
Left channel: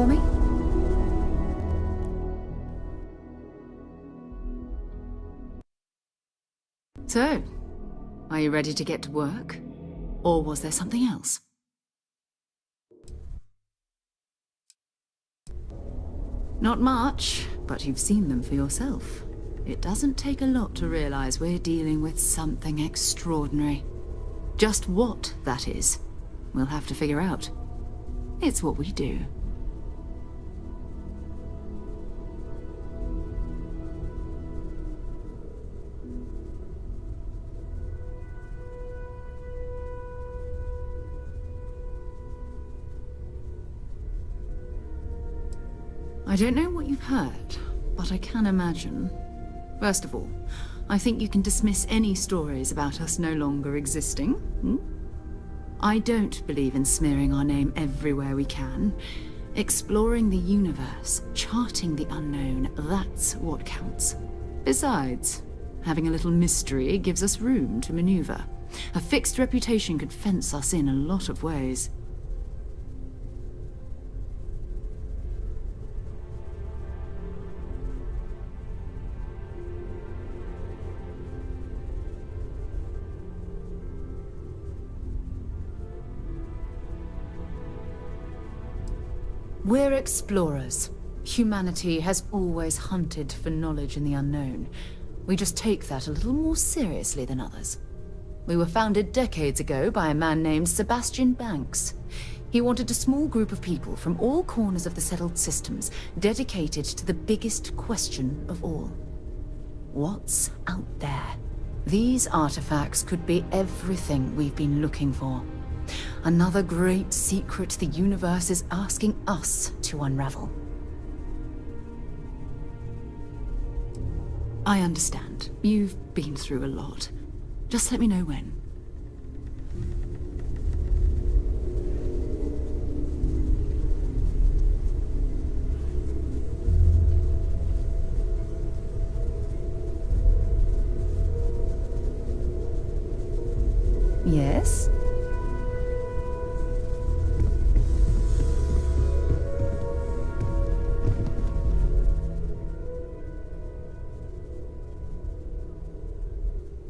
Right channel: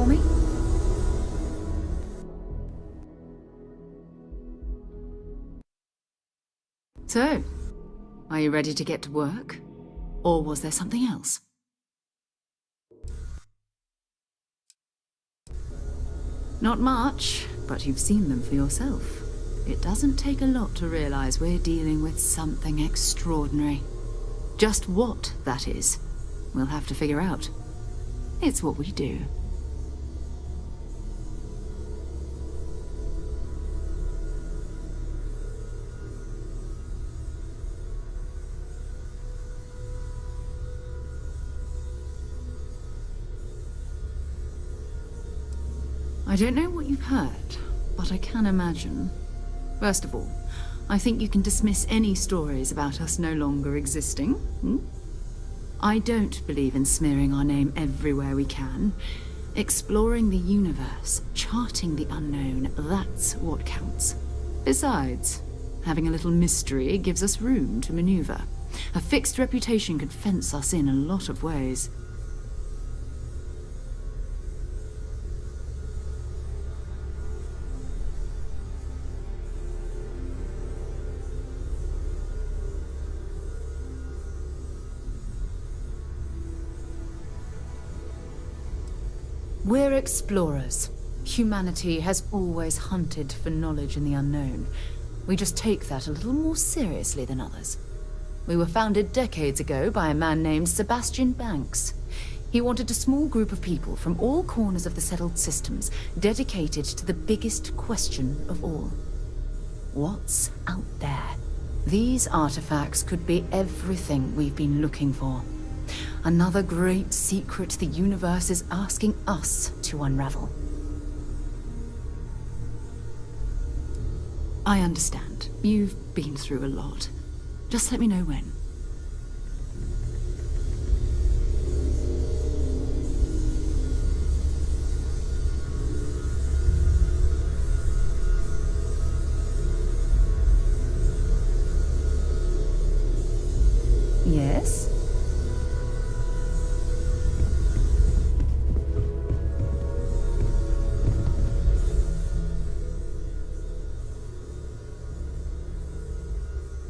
for me? So, are you ready to get to work? Or was there something else? Not much, but you've seen them for yourself. It doesn't take a lot to realize we're dealing with something extraordinary. Just what that is, we'll have to figure out. It's what we do. I don't know what you've heard, but I can imagine. First of all, I think you can dismiss any stories about us no longer existing. I don't believe in smearing our name everywhere we can. Exploring the universe, charting the unknown, that's what counts. Besides, having a little mystery gives us room to maneuver. A fixed reputation could fence us in a lot of ways. We're explorers. Humanity has always hunted for knowledge in the unknown. We just take that a little more seriously than others. We were founded decades ago by a man named Sebastian Banks. He wanted a small group of people from all corners of the settled systems dedicated to the biggest question of all. What's out there? These artifacts could be everything we've been looking for. Another great secret the universe is asking us to unravel. I understand. You've been through a lot. Just let me know when. Yes?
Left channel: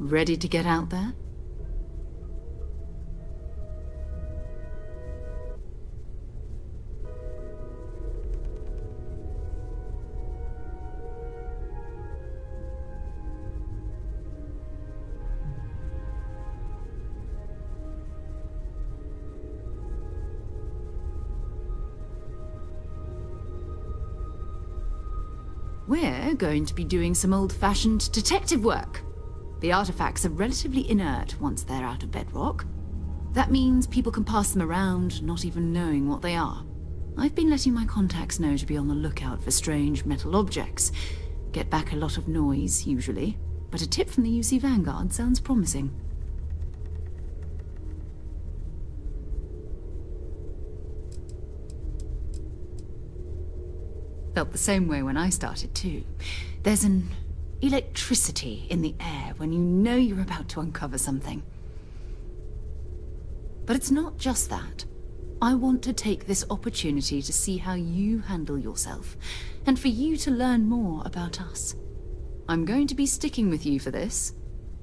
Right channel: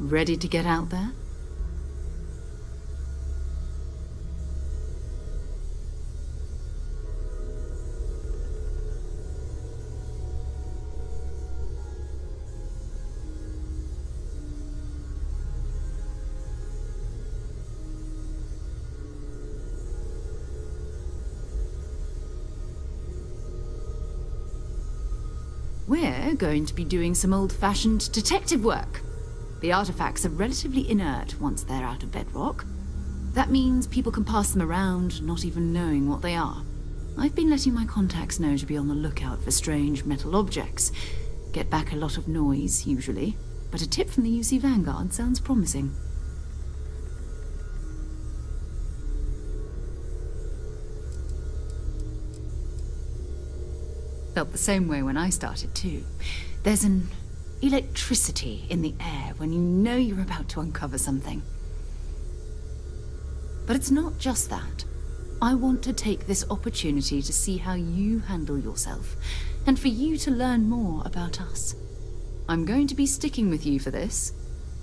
Ready to get out there? We're going to be doing some old-fashioned detective work. The artifacts are relatively inert once they're out of bedrock. That means people can pass them around, not even knowing what they are. I've been letting my contacts know to be on the lookout for strange metal objects. Get back a lot of noise, usually, but a tip from the UC Vanguard sounds promising. Felt the same way when I started, too. There's an electricity in the air when you know you're about to uncover something. But it's not just that. I want to take this opportunity to see how you handle yourself, and for you to learn more about us. I'm going to be sticking with you for this.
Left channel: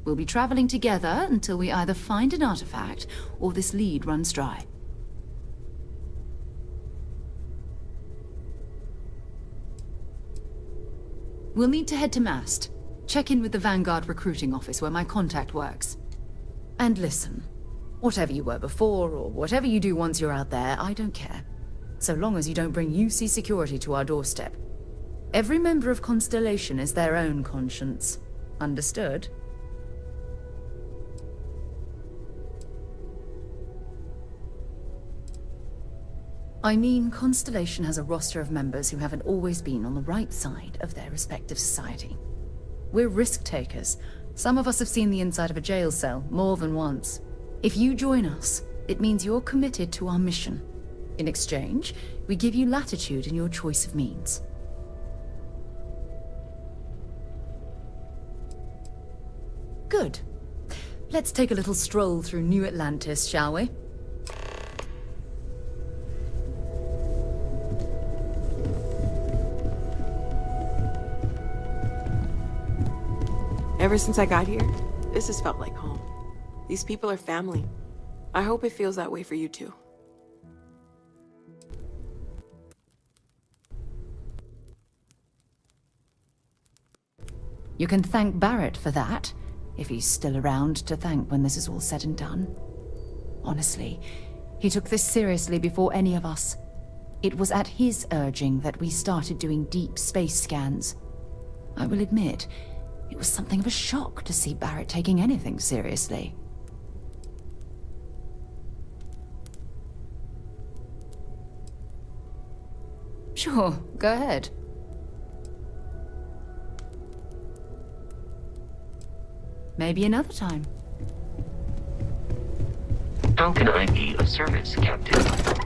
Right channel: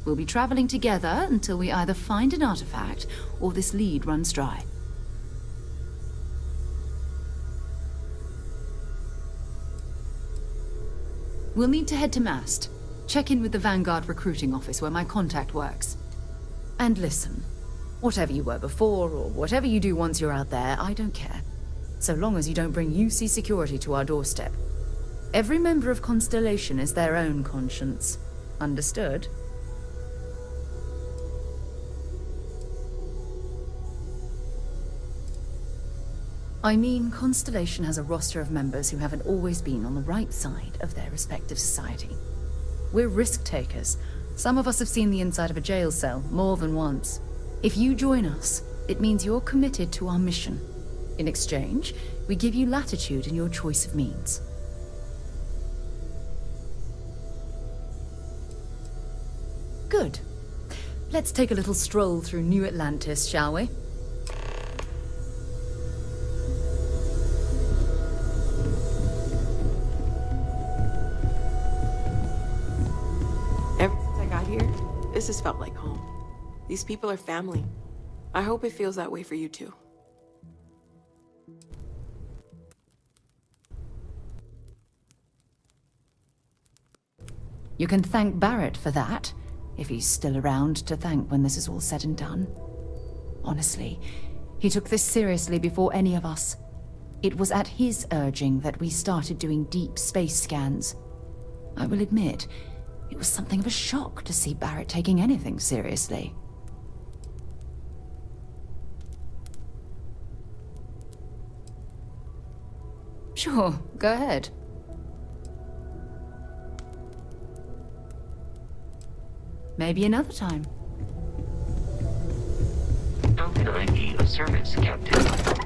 We'll be traveling together until we either find an artifact or this lead runs dry. We'll need to head to Mast. Check in with the Vanguard recruiting office where my contact works. And listen, whatever you were before, or whatever you do once you're out there, I don't care. So long as you don't bring UC security to our doorstep. Every member of Constellation is their own conscience. Understood? I mean, Constellation has a roster of members who haven't always been on the right side of their respective society. We're risk-takers. Some of us have seen the inside of a jail cell more than once. If you join us, it means you're committed to our mission. In exchange, we give you latitude in your choice of means. Good. Let's take a little stroll through New Atlantis, shall we? Ever since I got here, this has felt like home. These people are family. I hope it feels that way for you too. You can thank Barrett for that, if he's still around to thank when this is all said and done. Honestly, he took this seriously before any of us. It was at his urging that we started doing deep space scans. I will admit, it was something of a shock to see Barrett taking anything seriously. Sure, go ahead. Maybe another time. How can I be of service, Captain?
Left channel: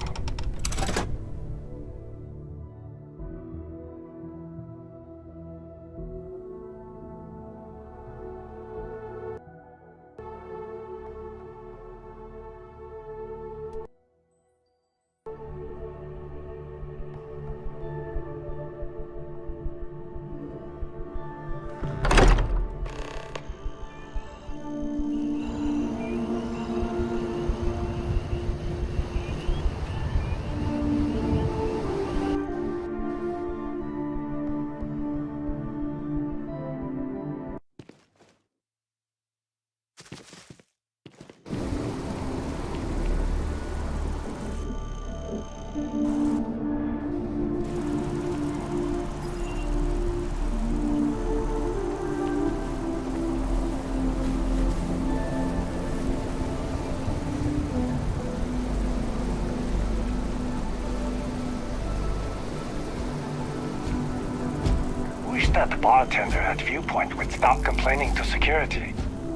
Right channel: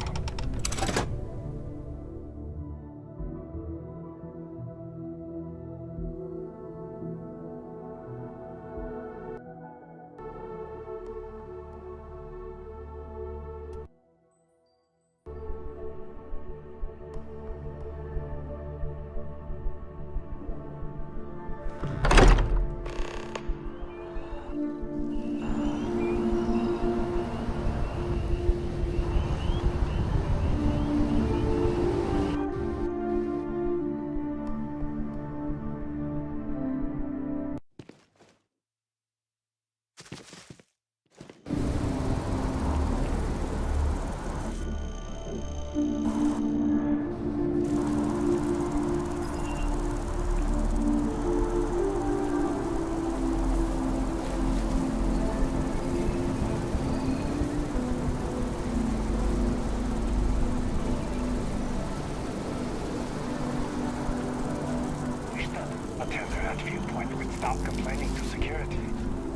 That the bartender at Viewpoint would stop complaining to security.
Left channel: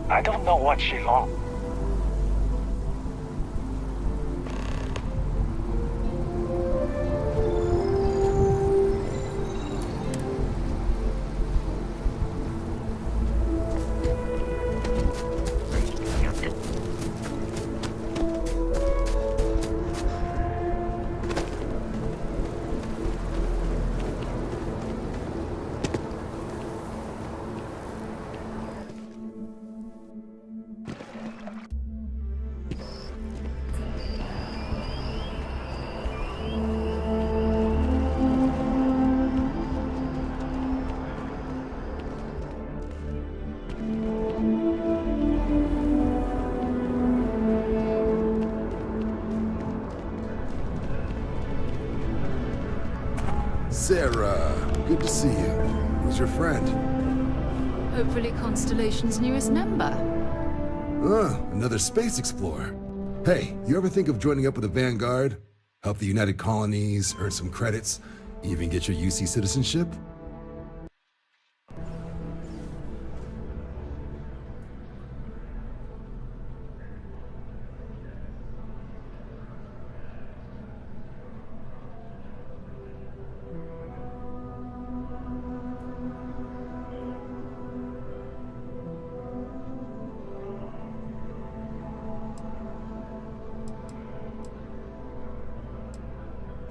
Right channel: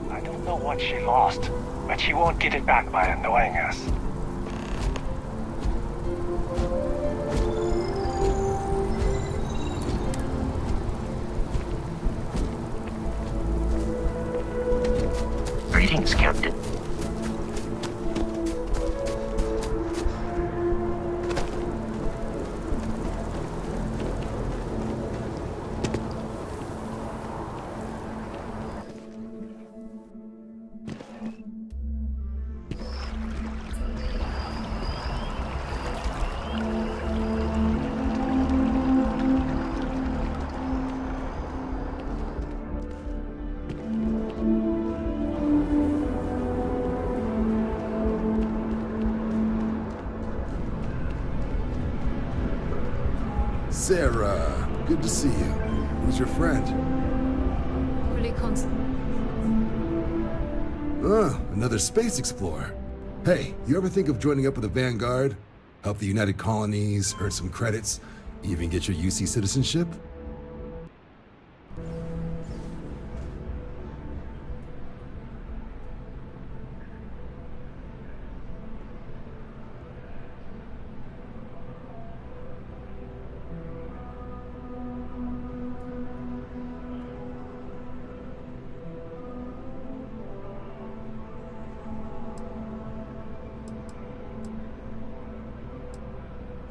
I don't know what she lost, but she won't get it back by annoying us. Greetings, Captain. Sarah, good to see you. Who's your friend? Hopefully Constellation's newest member. Another space explorer. Hey, you ever think of joining up with the Vanguard? Help the United Colonies, earn some credits, even get your UC citizenship?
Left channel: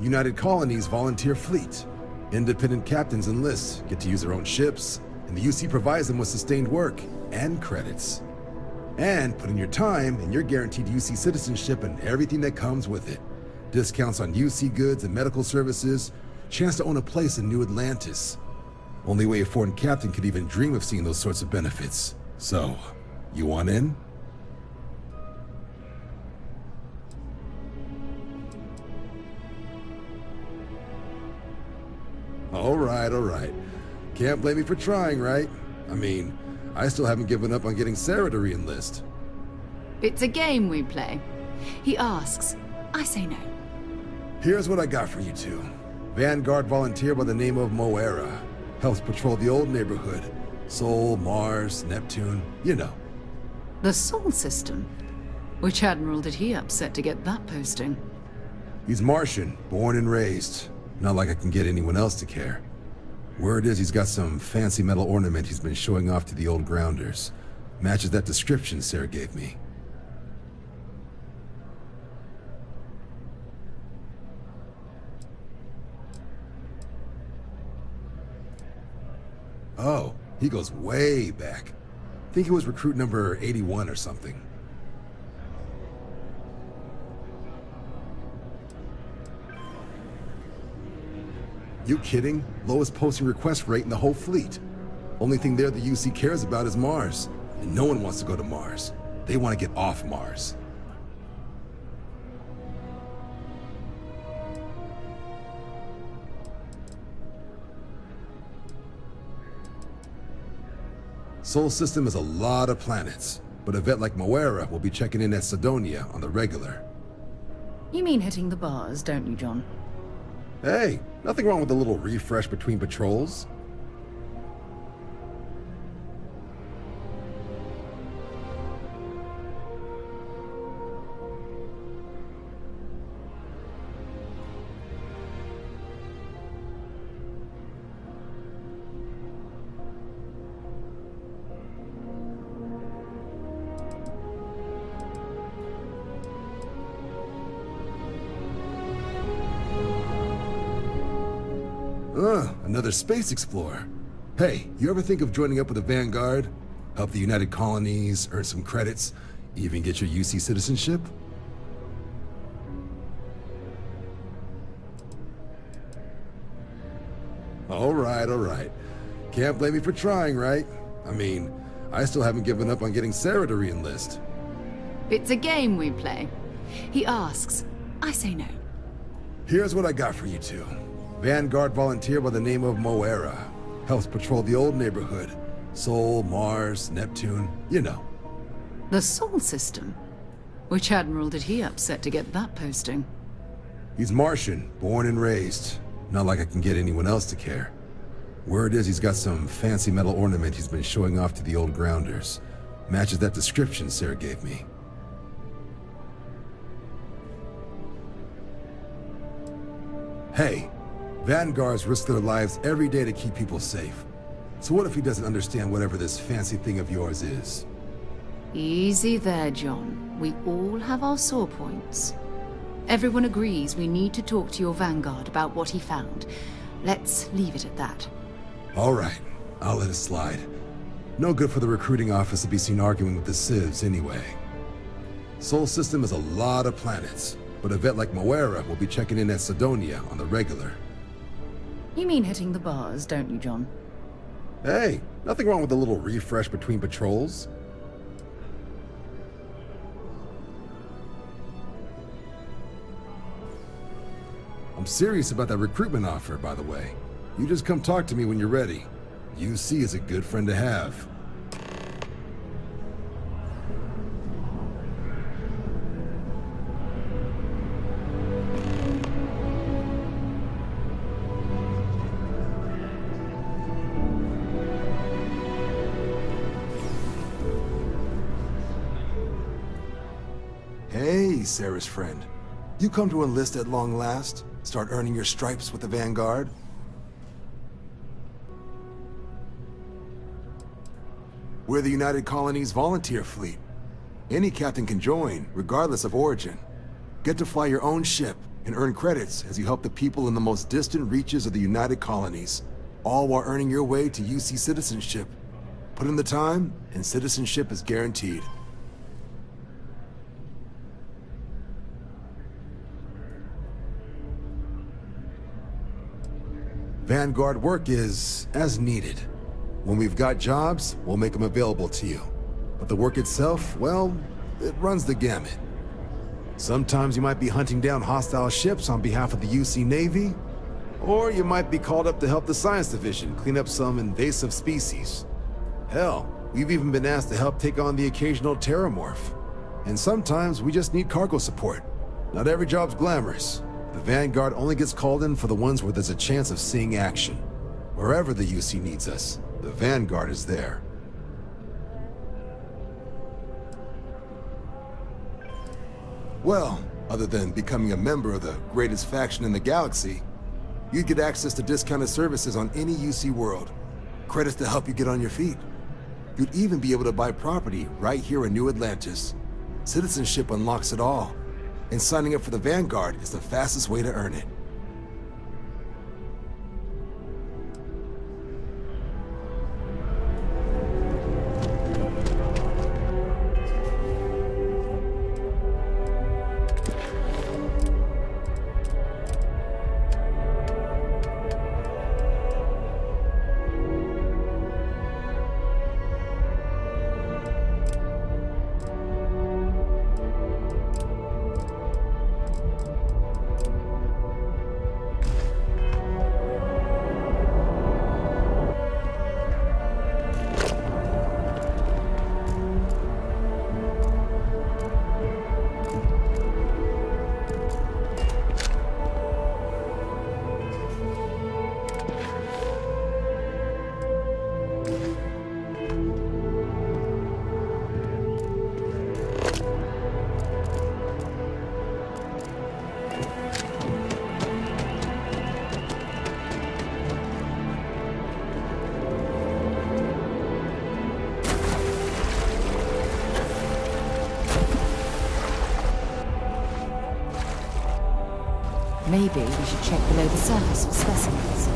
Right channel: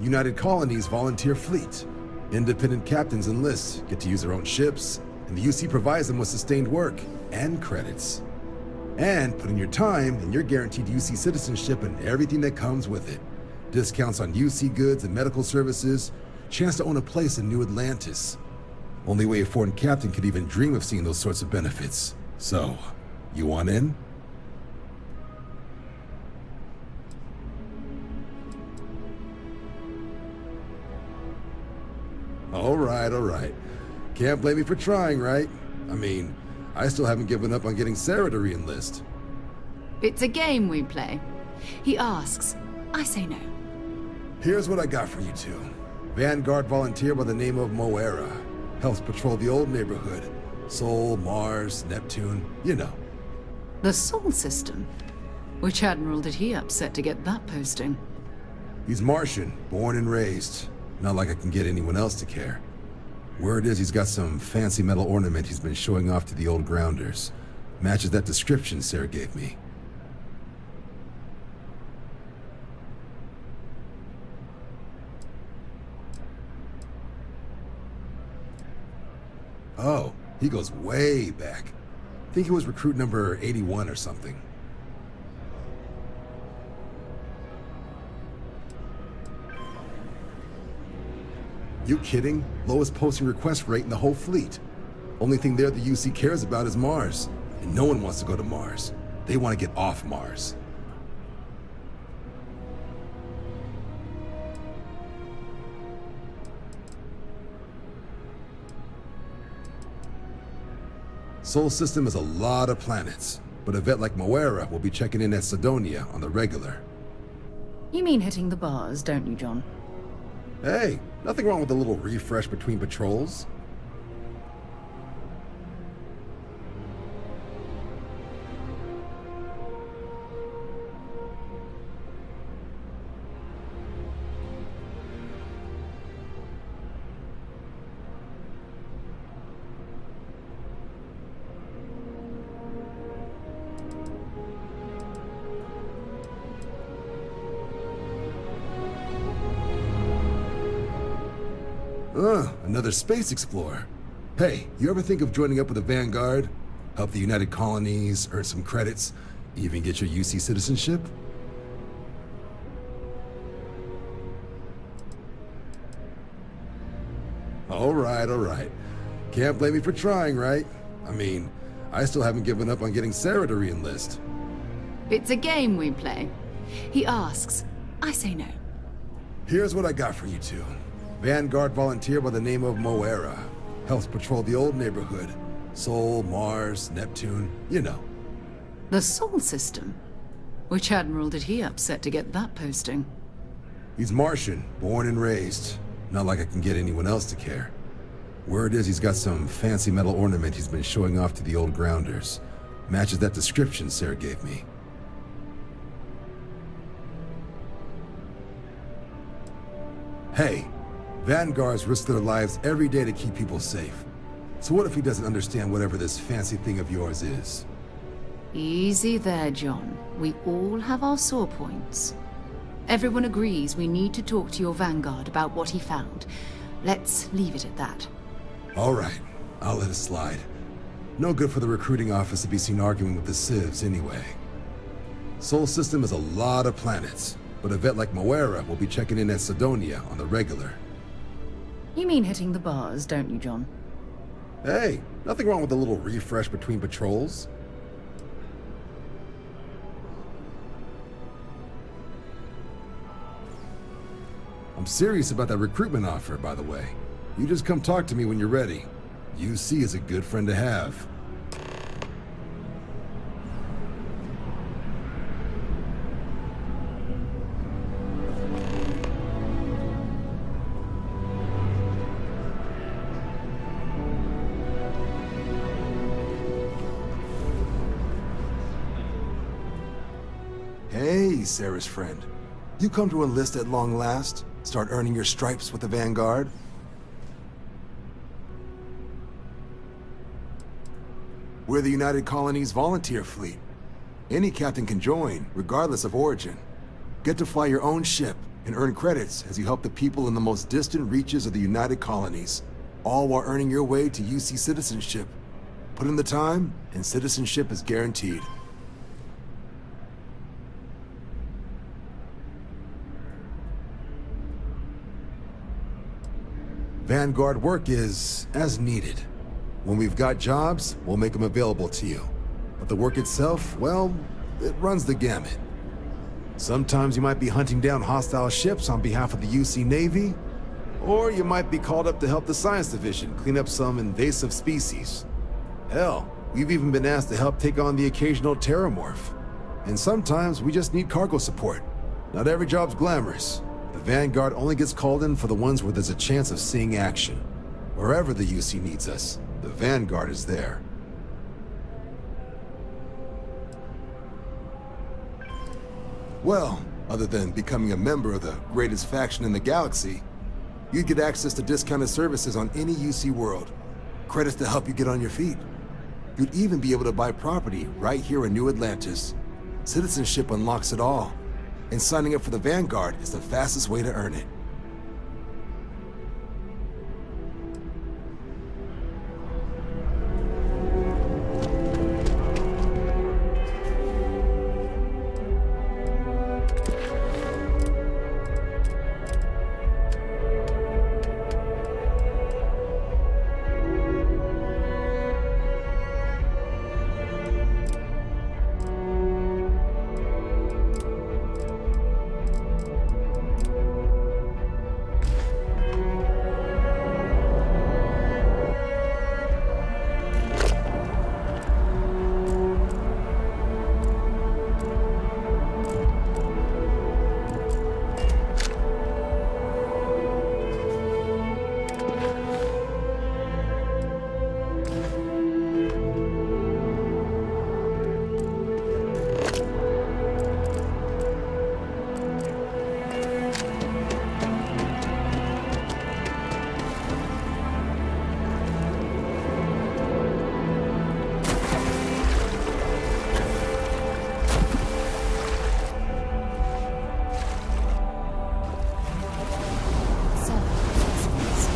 United Colonies volunteer fleet. Independent captains enlist, get to use their own ships, and the UC provides them with sustained work and credits. And put in your time, and you're guaranteed UC citizenship and everything that comes with it. Discounts on UC goods and medical services, chance to own a place in New Atlantis. Only way a foreign captain could even dream of seeing those sorts of benefits. So, you want in? All right. Can't blame me for trying, right? I mean, I still haven't given up on getting Sarah to re-enlist. It's a game we play. He asks, I say no. Here's what I got for you two. Vanguard volunteer by the name of Moera. Helps patrol the old neighborhood. Sol, Mars, Neptune, you know. The Sol system? Which admiral did he upset to get that posting? He's Martian, born and raised. Not like I can get anyone else to care. Word is he's got some fancy metal ornament he's been showing off to the old grounders. Matches that description Sarah gave me. Oh, he goes way back. Think he was recruit number 81 or something. You kidding? Lowest posting request rate in the whole fleet. Only thing there the UC cares about is Mars. And no one wants to go to Mars. They want to get off Mars. Sol System is a lot of planets, but a vet like Moera will be checking in at Sidonia on the regular. You mean hitting the bars, don't you, John? Hey, nothing wrong with a little refresh between patrols. Another space explorer. Hey, you ever think of joining up with the Vanguard? Help the United Colonies, earn some credits, even get your UC citizenship? All right. Can't blame me for trying, right? I mean, I still haven't given up on getting Sarah to re-enlist. It's a game we play. He asks, I say no. Here's what I got for you two. Vanguard volunteer by the name of Moera. Helps patrol the old neighborhood. Sol, Mars, Neptune, you know. The Sol System? Which admiral did he upset to get that posting? He's Martian, born and raised. Not like I can get anyone else to care. Word is he's got some fancy metal ornament he's been showing off to the old grounders. Matches that description Sarah gave me. Hey, Vanguards risk their lives every day to keep people safe. So what if he doesn't understand whatever this fancy thing of yours is? Easy there, John. We all have our sore points. Everyone agrees we need to talk to your Vanguard about what he found. Let's leave it at that. All right, I'll let it slide. No good for the recruiting office to be seen arguing with the civs anyway. Sol System is a lot of planets, but a vet like Moera will be checking in at Sidonia on the regular. You mean hitting the bars, don't you, John? Hey, nothing wrong with a little refresh between patrols. I'm serious about that recruitment offer, by the way. You just come talk to me when you're ready. UC is a good friend to have. Hey, Sarah's friend. You come to enlist at long last? Start earning your stripes with the Vanguard? We're the United Colonies volunteer fleet. Any captain can join, regardless of origin. Get to fly your own ship and earn credits as you help the people in the most distant reaches of the United Colonies, all while earning your way to UC citizenship. Put in the time, and citizenship is guaranteed. Vanguard work is as needed. When we've got jobs, we'll make them available to you. But the work itself, well, it runs the gamut. Sometimes you might be hunting down hostile ships on behalf of the UC Navy, or you might be called up to help the Science Division clean up some invasive species. Hell, we've even been asked to help take on the occasional terramorph. And sometimes we just need cargo support. Not every job's glamorous. The Vanguard only gets called in for the ones where there's a chance of seeing action. Wherever the UC needs us, the Vanguard is there. Well, other than becoming a member of the greatest faction in the galaxy, you'd get access to discounted services on any UC world. Credits to help you get on your feet. You'd even be able to buy property right here in New Atlantis. Citizenship unlocks it all. And signing up for the Vanguard is the fastest way to earn it. Maybe we should check below the surface for specimens.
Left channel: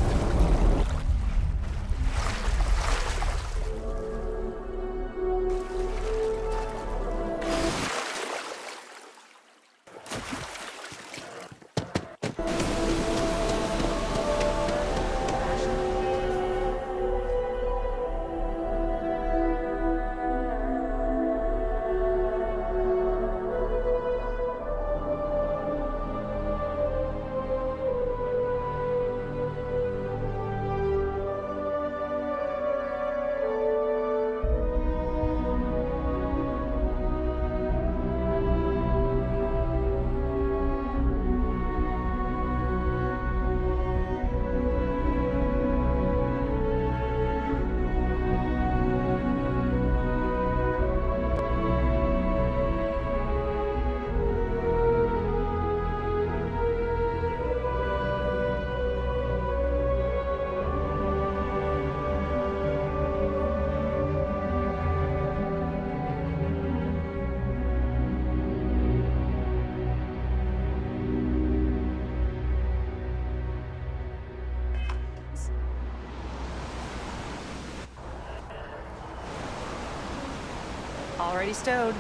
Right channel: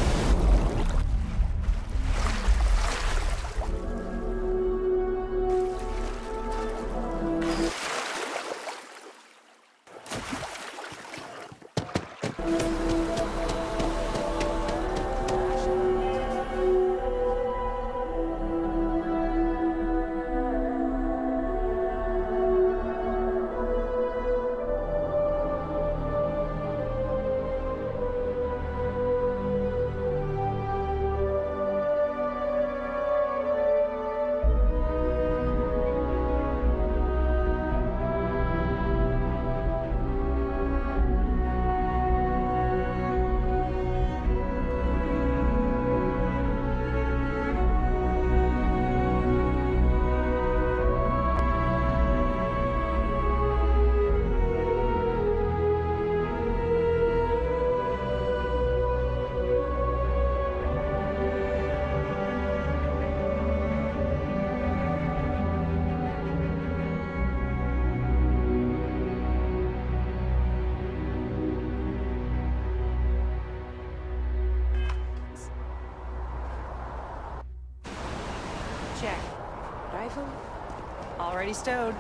Already stowed.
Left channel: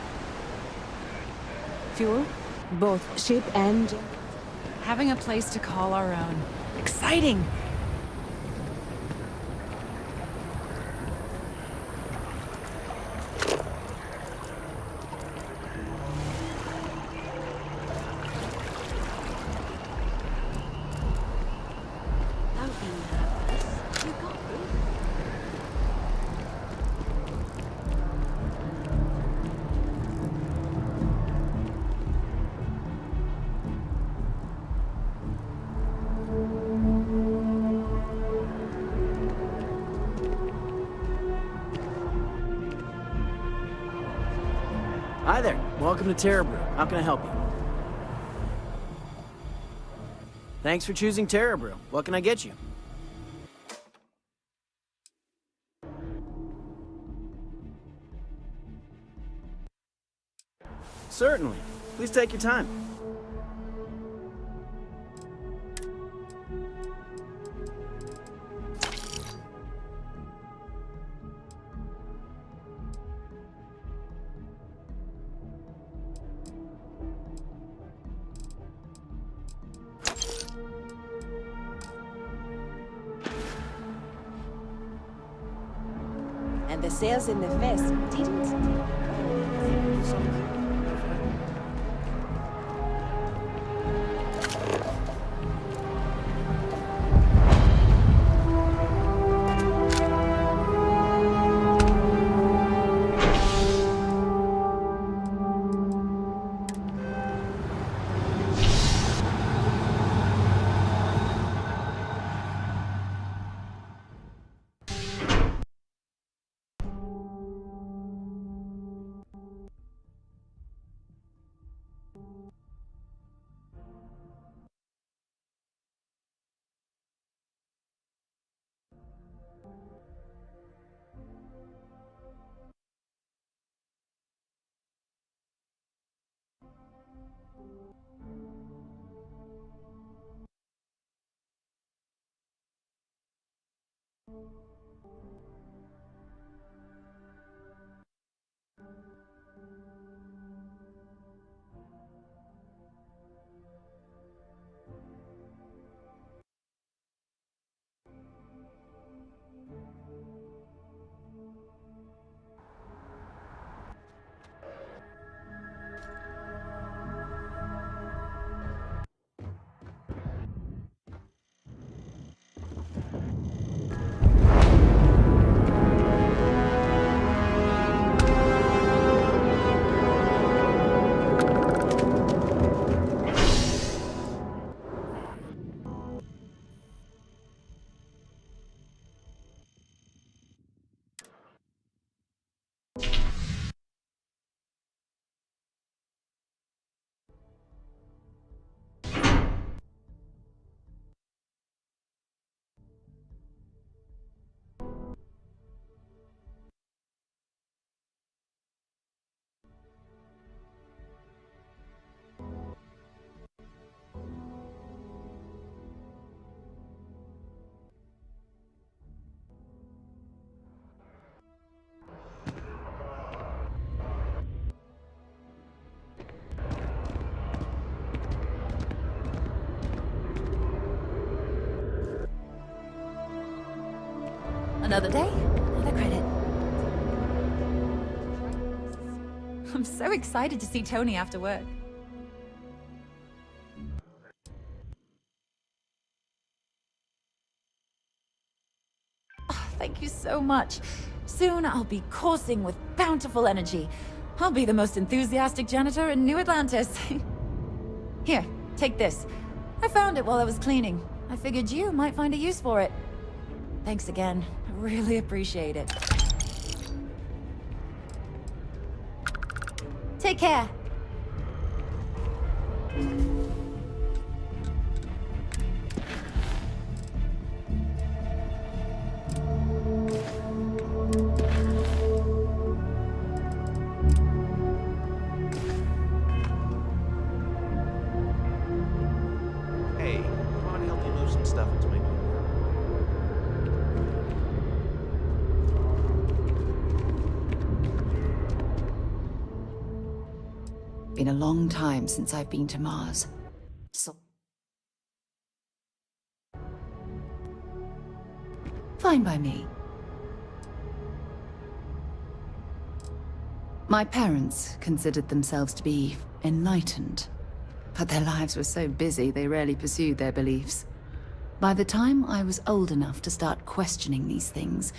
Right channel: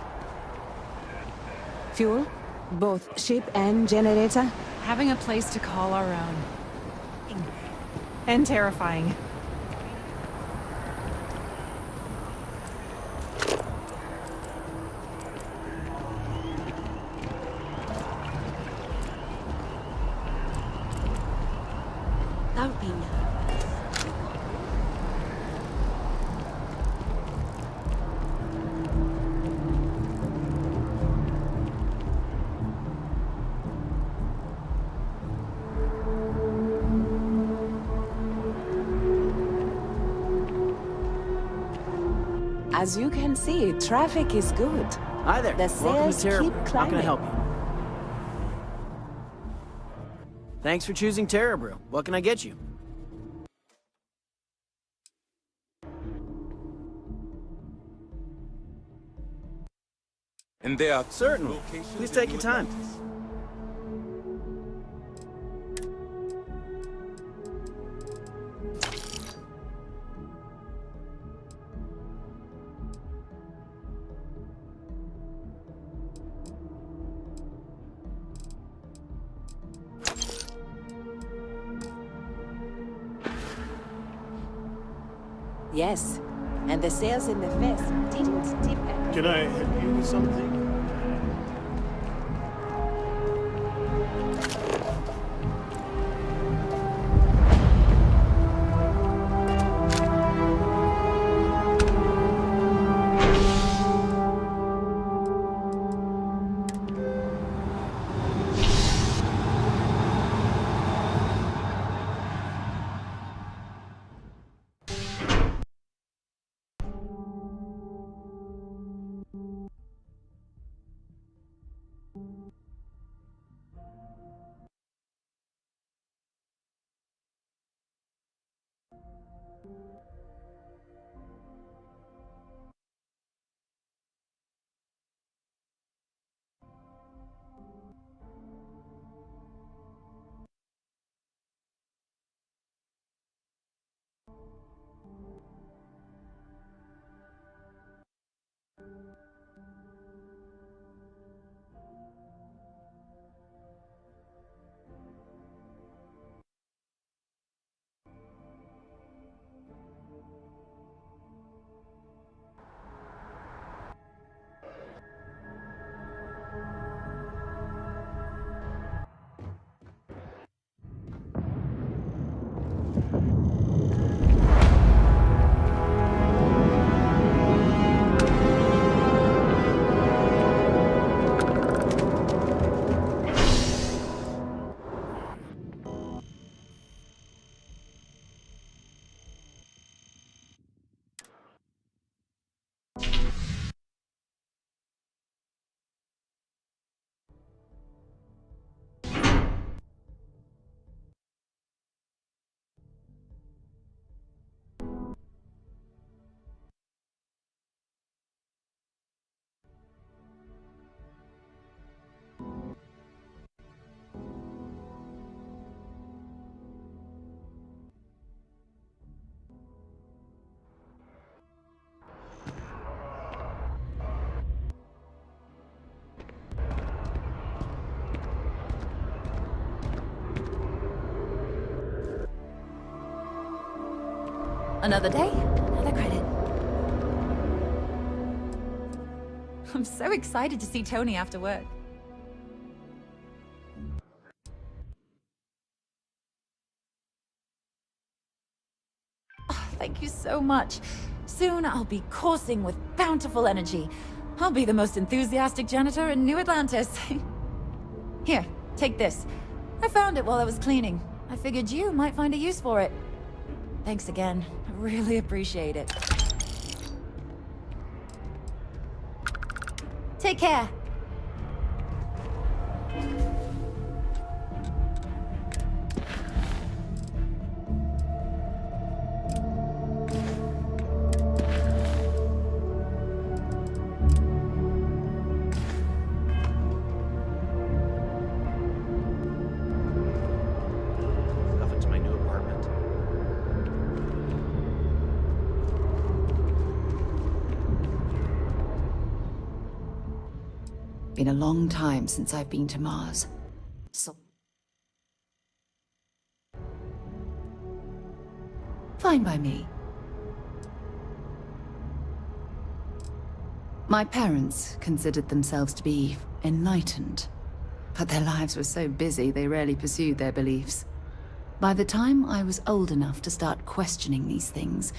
Fuel? Both ship and generator? Having a place to call our own. Exciting. And terrifying. Don't be nervous. You got this. As you can see, traffic is good. Hi there. The Welcome to sales Terra keep Brew. How can I help you? Thanks for choosing Terra Brew. What can I get you? And they are certainly. Please take your time. Yes, and the sales in the fest didn't dip. Can I help you with something? Another day, another credit. I'm so excited to see Tony after work. Oh, thank you so much. Soon I'll be coursing with bountiful energy. I'll be the most enthusiastic janitor in New Atlantis. Here, take this. I found it while I was cleaning. I figured you might find a use for it. Thanks again. I really appreciate it. Take care. Hey, come on, help me move some stuff into my new apartment. Been a long time since I've been to Mars. So fine by me. My parents considered themselves to be enlightened, but their lives were so busy they rarely pursued their beliefs. By the time I was old enough to start questioning these things,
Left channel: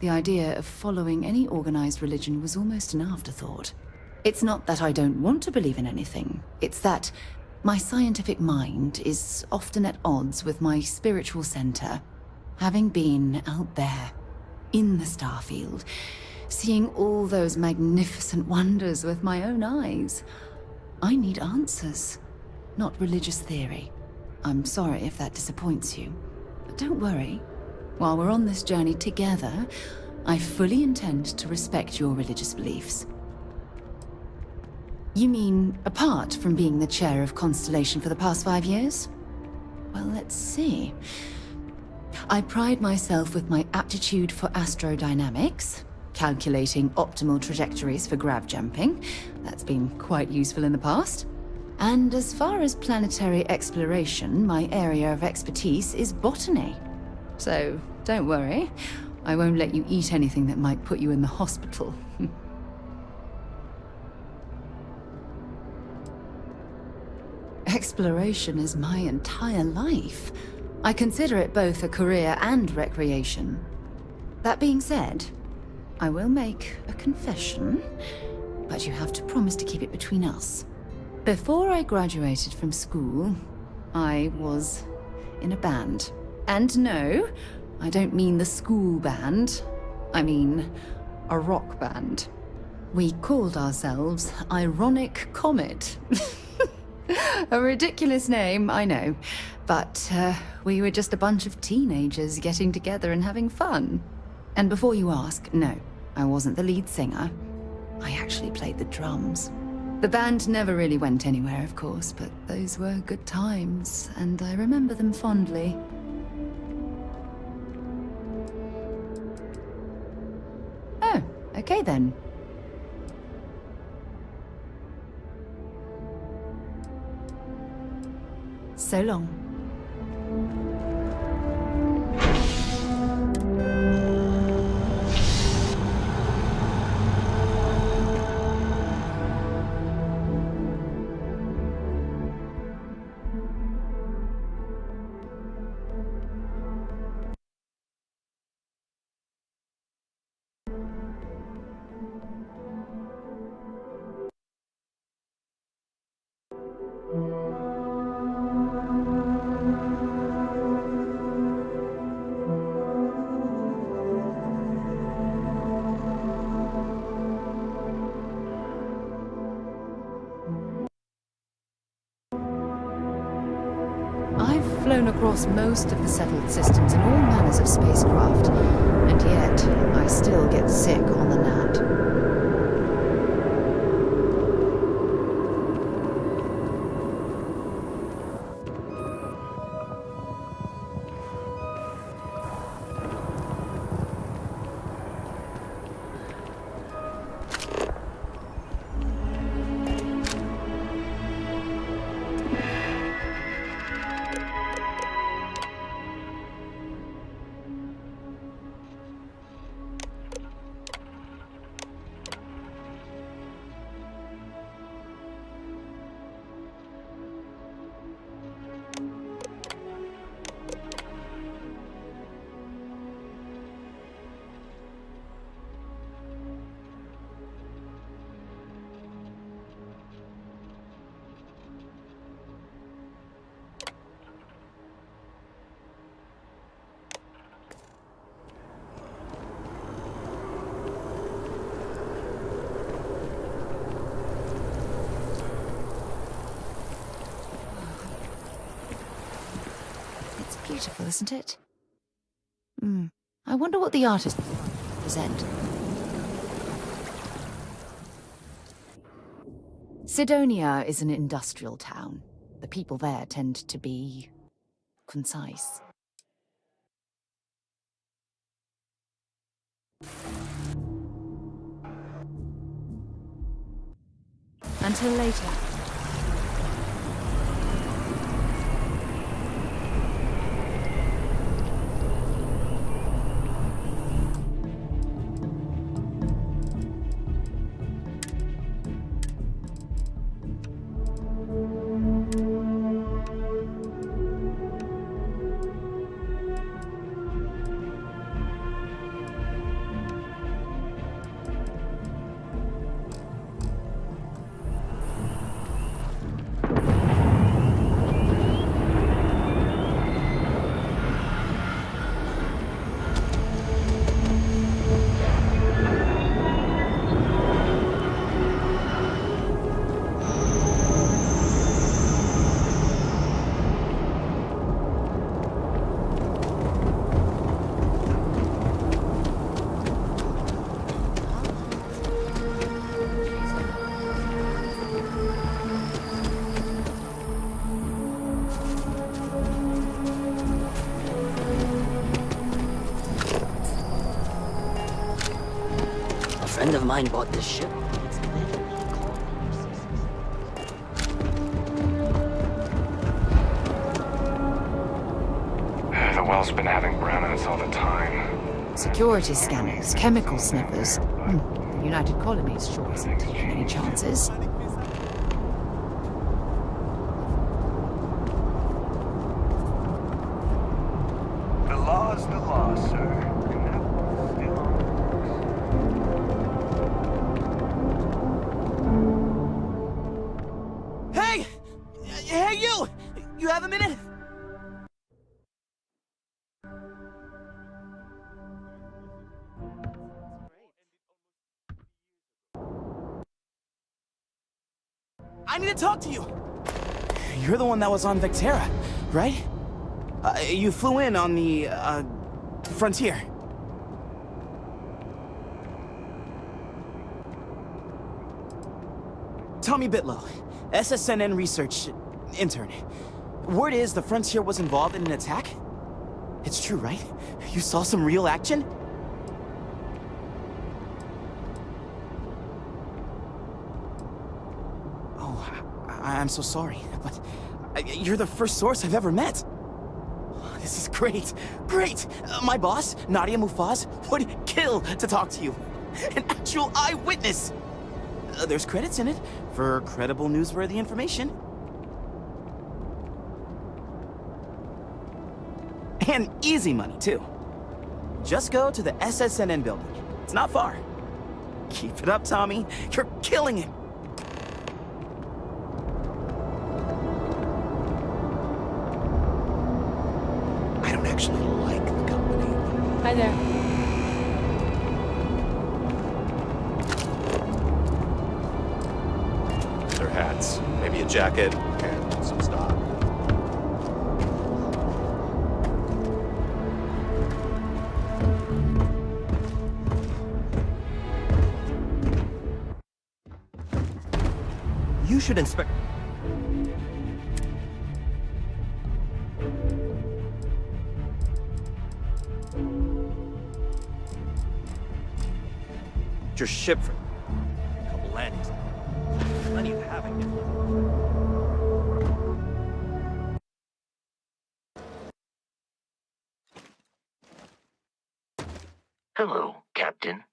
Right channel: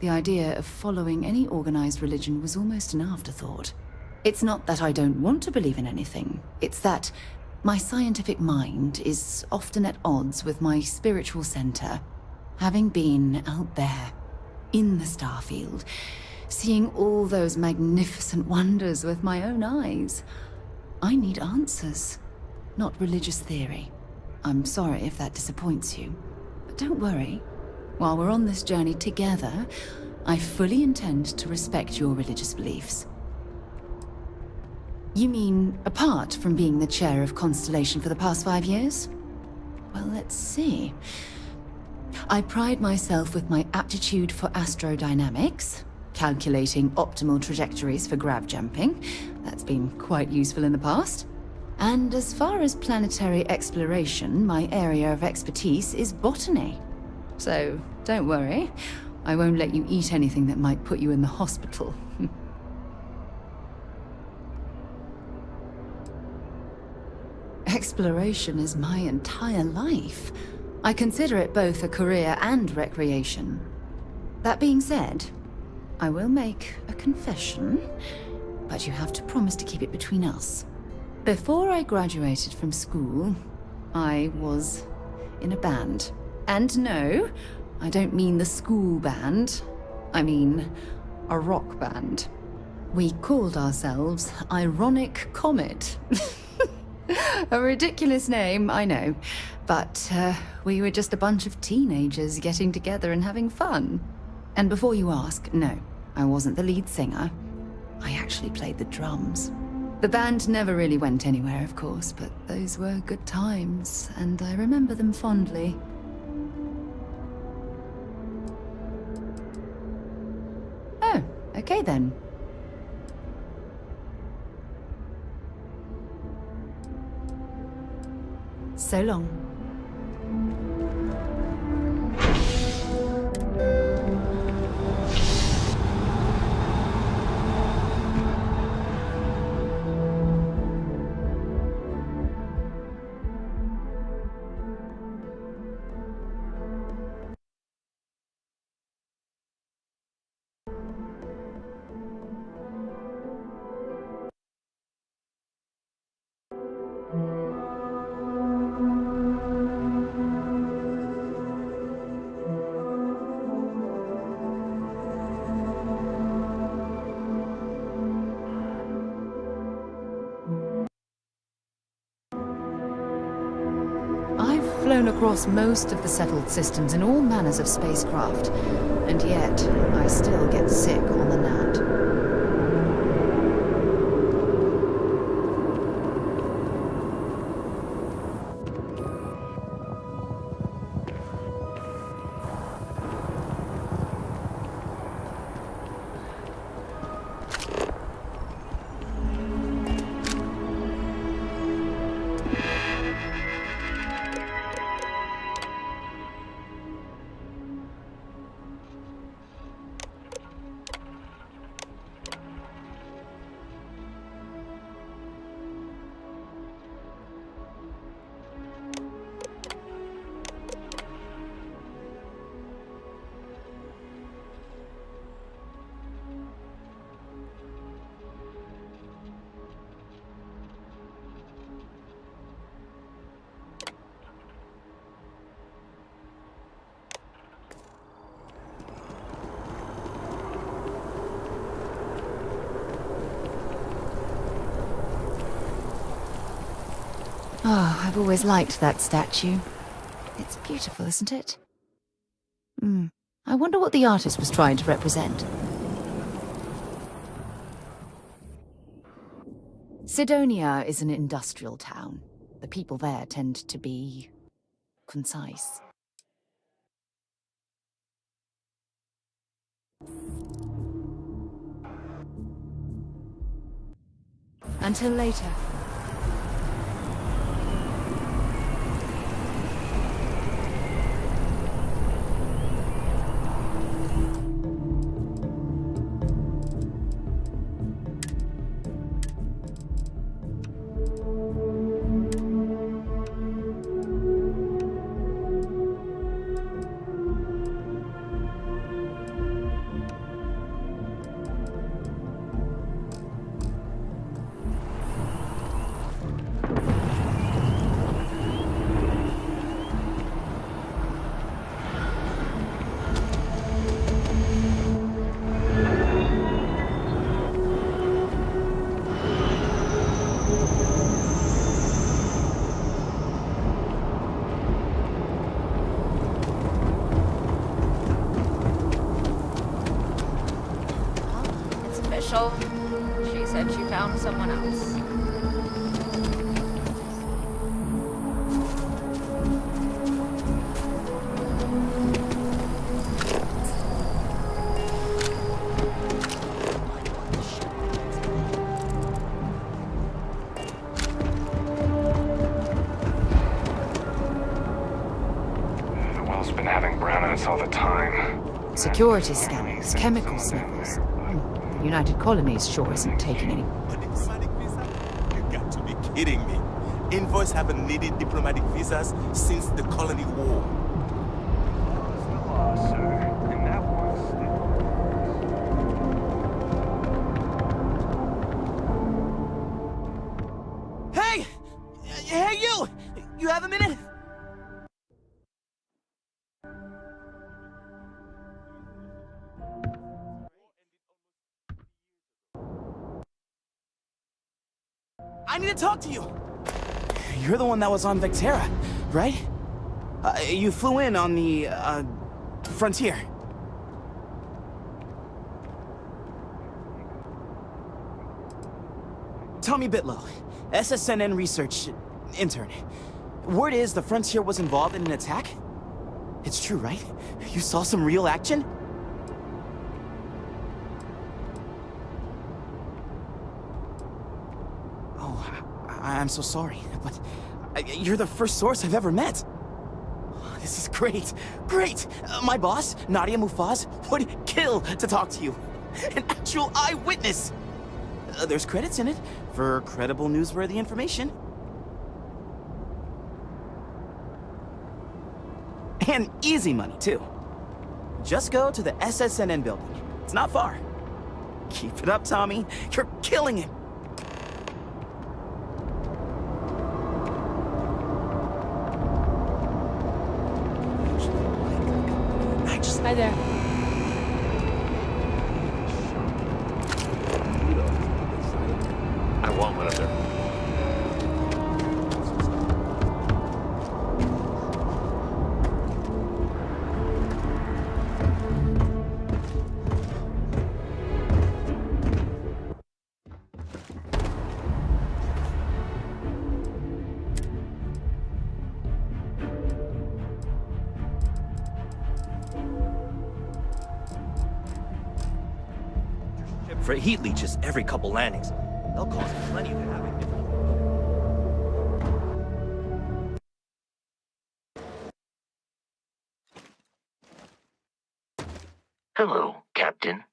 the idea of following any organized religion was almost an afterthought. It's not that I don't want to believe in anything, it's that my scientific mind is often at odds with my spiritual center. Having been out there, in the Starfield, seeing all those magnificent wonders with my own eyes, I need answers, not religious theory. I'm sorry if that disappoints you, but don't worry. While we're on this journey together, I fully intend to respect your religious beliefs. You mean, apart from being the chair of Constellation for the past 5 years? Well, let's see. I pride myself with my aptitude for astrodynamics, calculating optimal trajectories for grav jumping. That's been quite useful in the past. And as far as planetary exploration, my area of expertise is botany. So, don't worry. I won't let you eat anything that might put you in the hospital. Exploration is my entire life. I consider it both a career and recreation. That being said, I will make a confession, but you have to promise to keep it between us. Before I graduated from school, I was in a band. And no, I don't mean the school band. I mean a rock band. We called ourselves Ironic Comet. A ridiculous name, I know. But we were just a bunch of teenagers getting together and having fun. And before you ask, no, I wasn't the lead singer. I actually played the drums. The band never really went anywhere, of course, but those were good times, and I remember them fondly. Oh, okay then. So long. I've flown across most of the settled systems in all manners of spacecraft, and yet I still get sick on the nat. Oh, I've always liked that statue. It's beautiful, isn't it? I wonder what the artist was trying to represent. Sidonia is an industrial town. The people there tend to be concise. Until later. Bought this ship. The well's been having brownouts all the time. Security scanners, chemical sniffers. The United Colonies sure isn't taking any chances. You got to be kidding me. Envoys haven't needed diplomatic visas since the colony war. The law's the law, sir. And that one still. Hey! Hey, you! You have a minute? I need to talk to you! You're the one that was on Vectera, right? You flew in on the, Frontier. Tommy Bitlow, SSNN research intern. Word is the Frontier was involved in an attack? It's true, right? You saw some real action? Oh, I'm so sorry, but you're the first source I've ever met. This is great, great! My boss, Nadia Mufaz, would kill to talk to you. An actual eyewitness! There's credits in it for credible, newsworthy information. And easy money, too. Just go to the SSNN building. It's not far. Keep it up, Tommy. You're killing it. I don't actually like the company. I just... Hi there. I want one of their hats. Maybe a jacket and some stuff. You should inspect... Your ship for heat leeches every couple landings. They'll cost plenty to have it. Hello, Captain.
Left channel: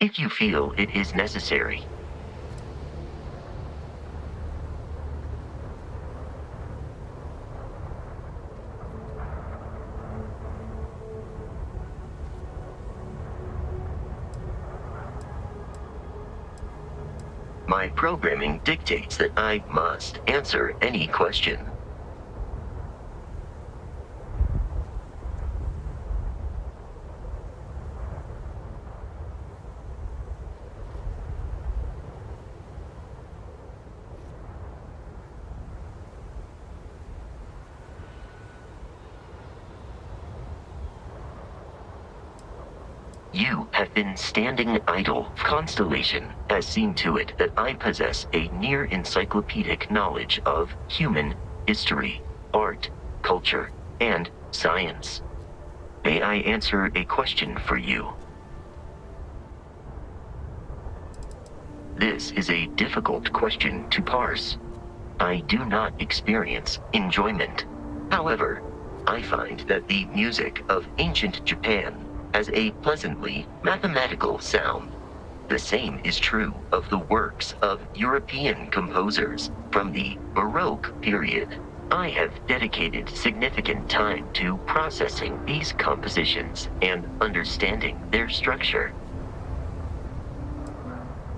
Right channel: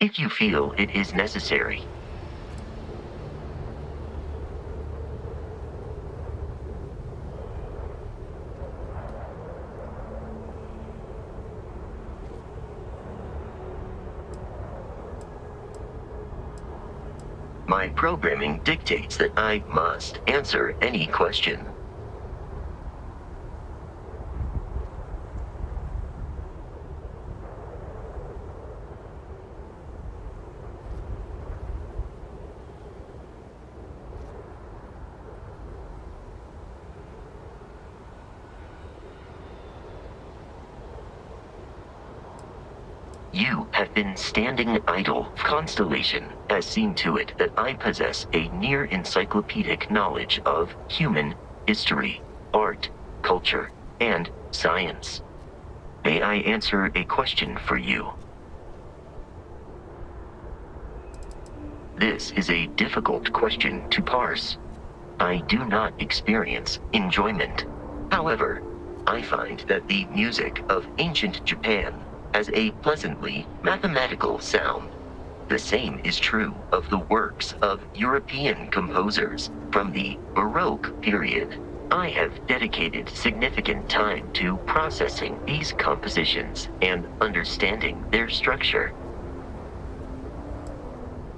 If you feel it is necessary. My programming dictates that I must answer any question. You have been standing idle. Constellation has seen to it that I possess a near encyclopedic knowledge of human history, art, culture, and science. May I answer a question for you? This is a difficult question to parse. I do not experience enjoyment. However, I find that the music of ancient Japan has a pleasantly mathematical sound. The same is true of the works of European composers from the Baroque period. I have dedicated significant time to processing these compositions and understanding their structure.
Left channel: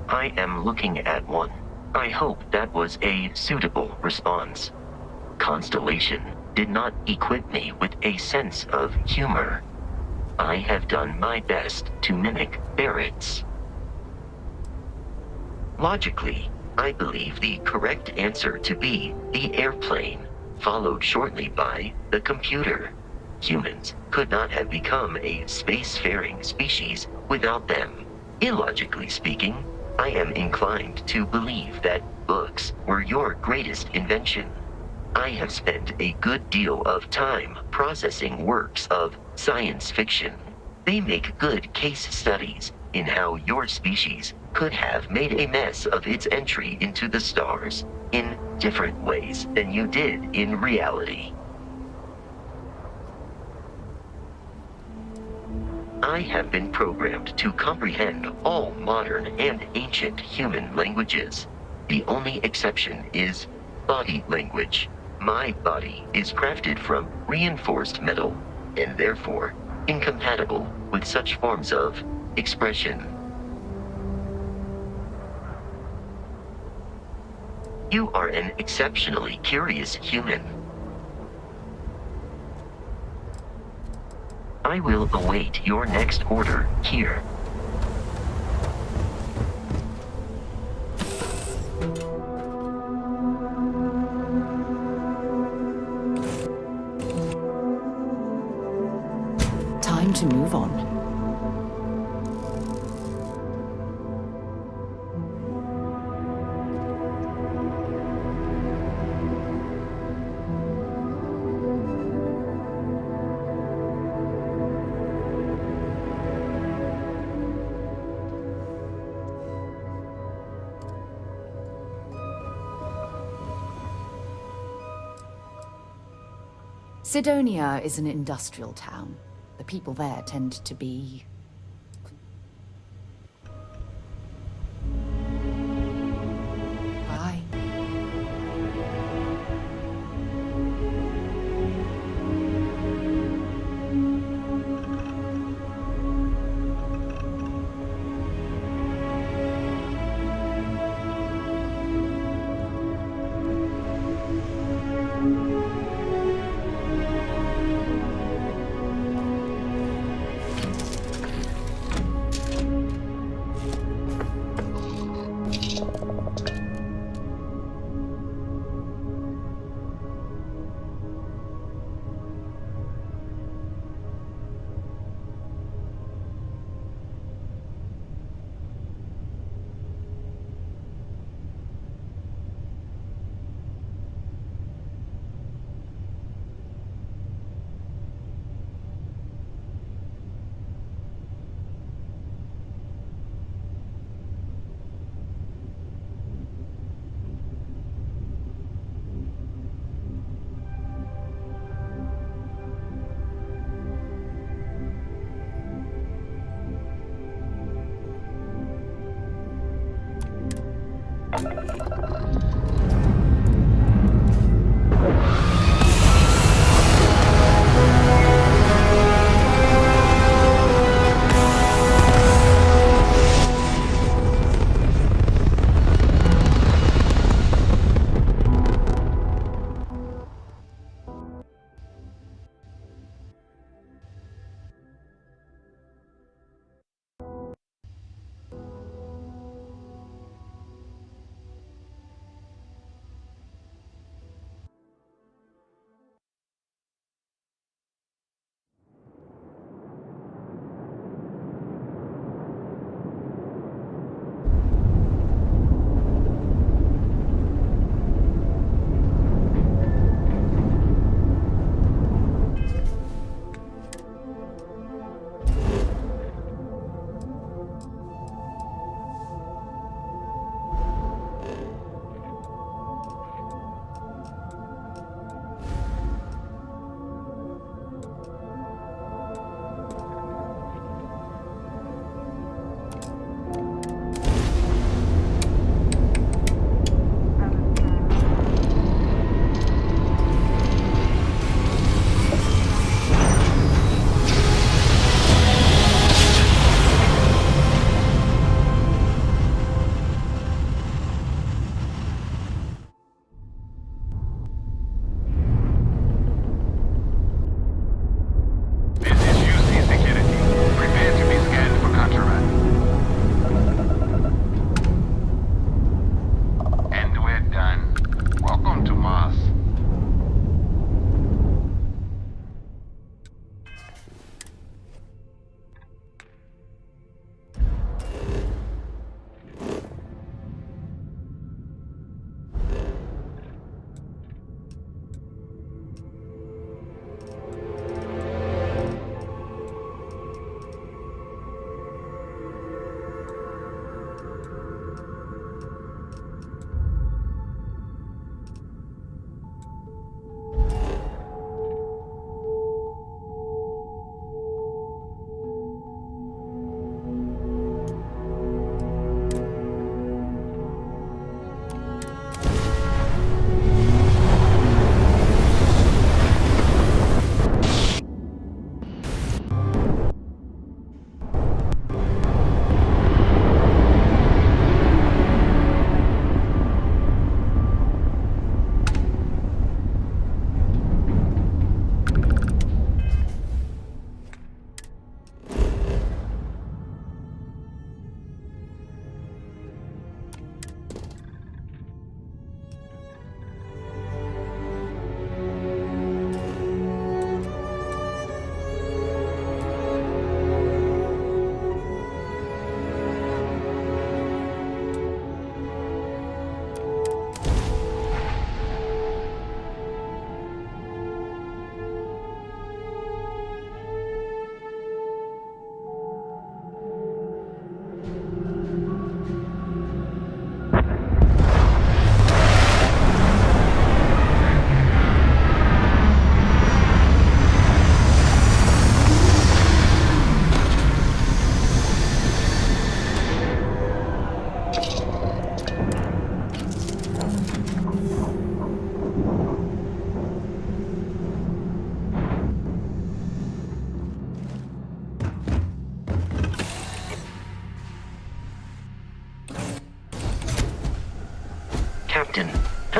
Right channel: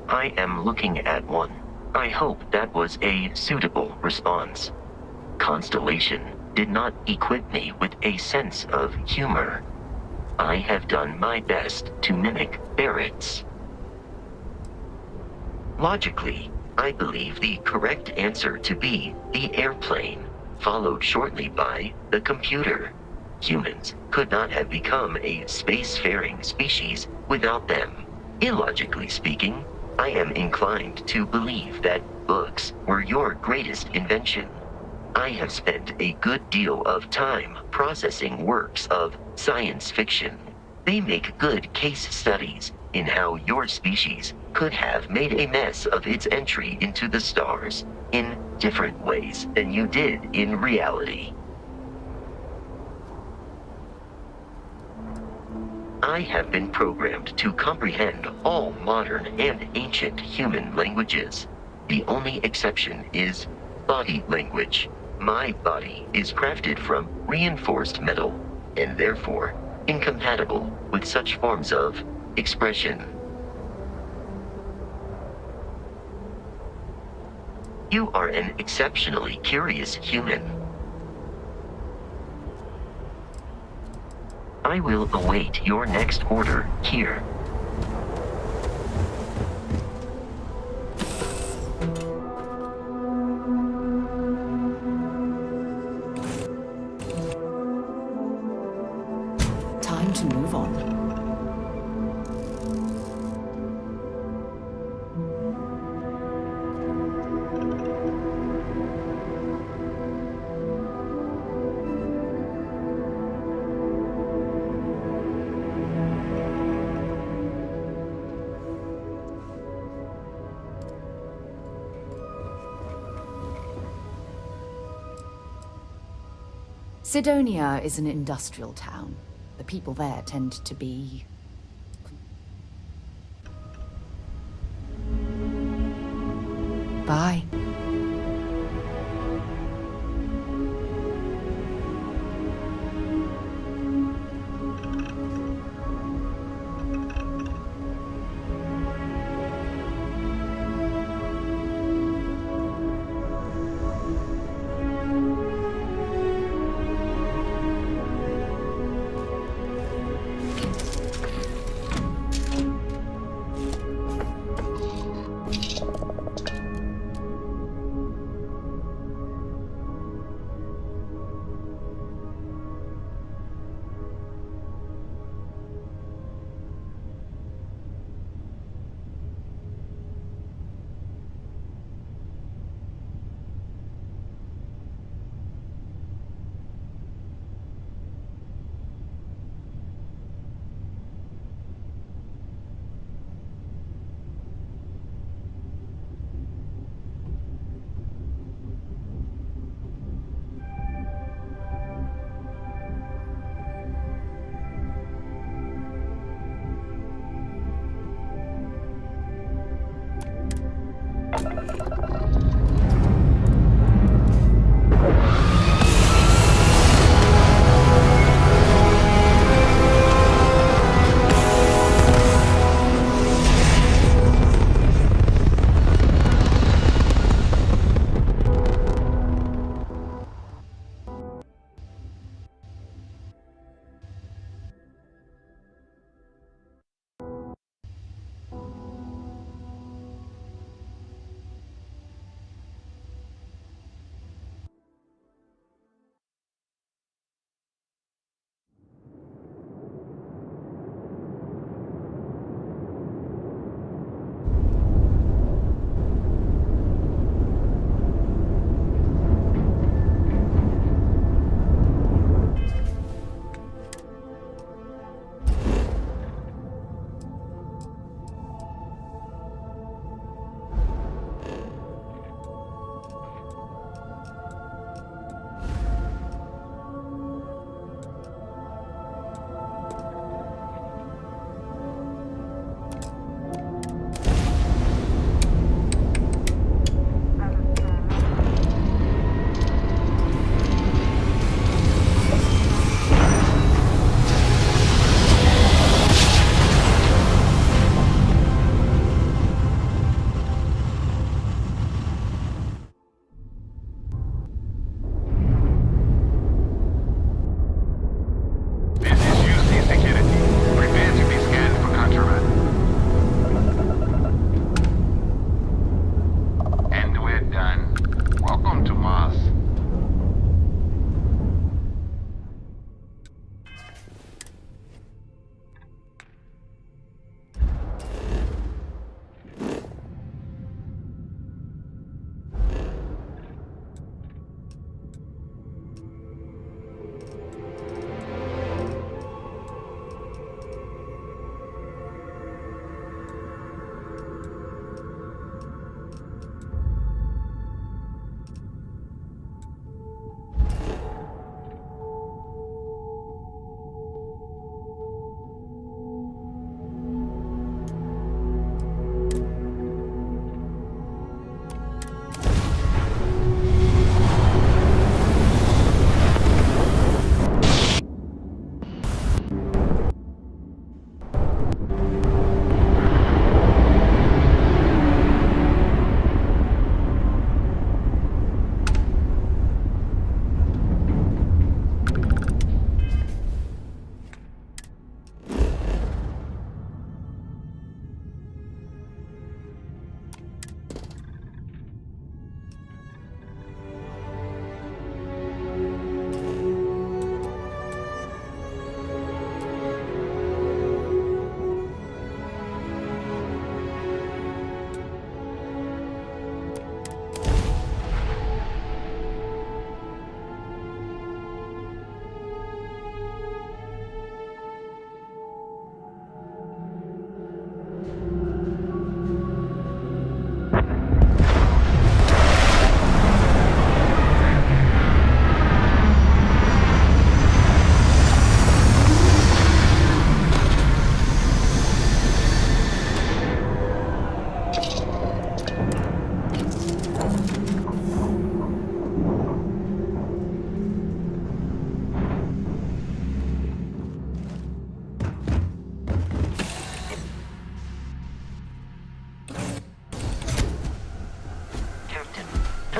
I am looking at one. I hope that was a suitable response. Constellation did not equip me with a sense of humor. I have done my best to mimic Barrett's. Logically, I believe the correct answer to be the airplane, followed shortly by the computer. Humans could not have become a spacefaring species without them. Illogically speaking, I am inclined to believe that books were your greatest invention. I have spent a good deal of time processing works of science fiction. They make good case studies in how your species could have made a mess of its entry into the stars in different ways than you did in reality. I have been programmed to comprehend all modern and ancient human languages. The only exception is body language. My body is crafted from reinforced metal, and therefore incompatible with such forms of expression. You are an exceptionally curious human. I will await your next order here. Time to move on. Sidonia is an industrial town. The people there tend to be... Bye.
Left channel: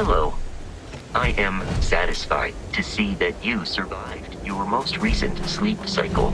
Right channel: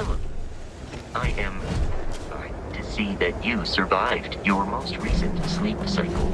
Hello. I am satisfied to see that you survived your most recent sleep cycle.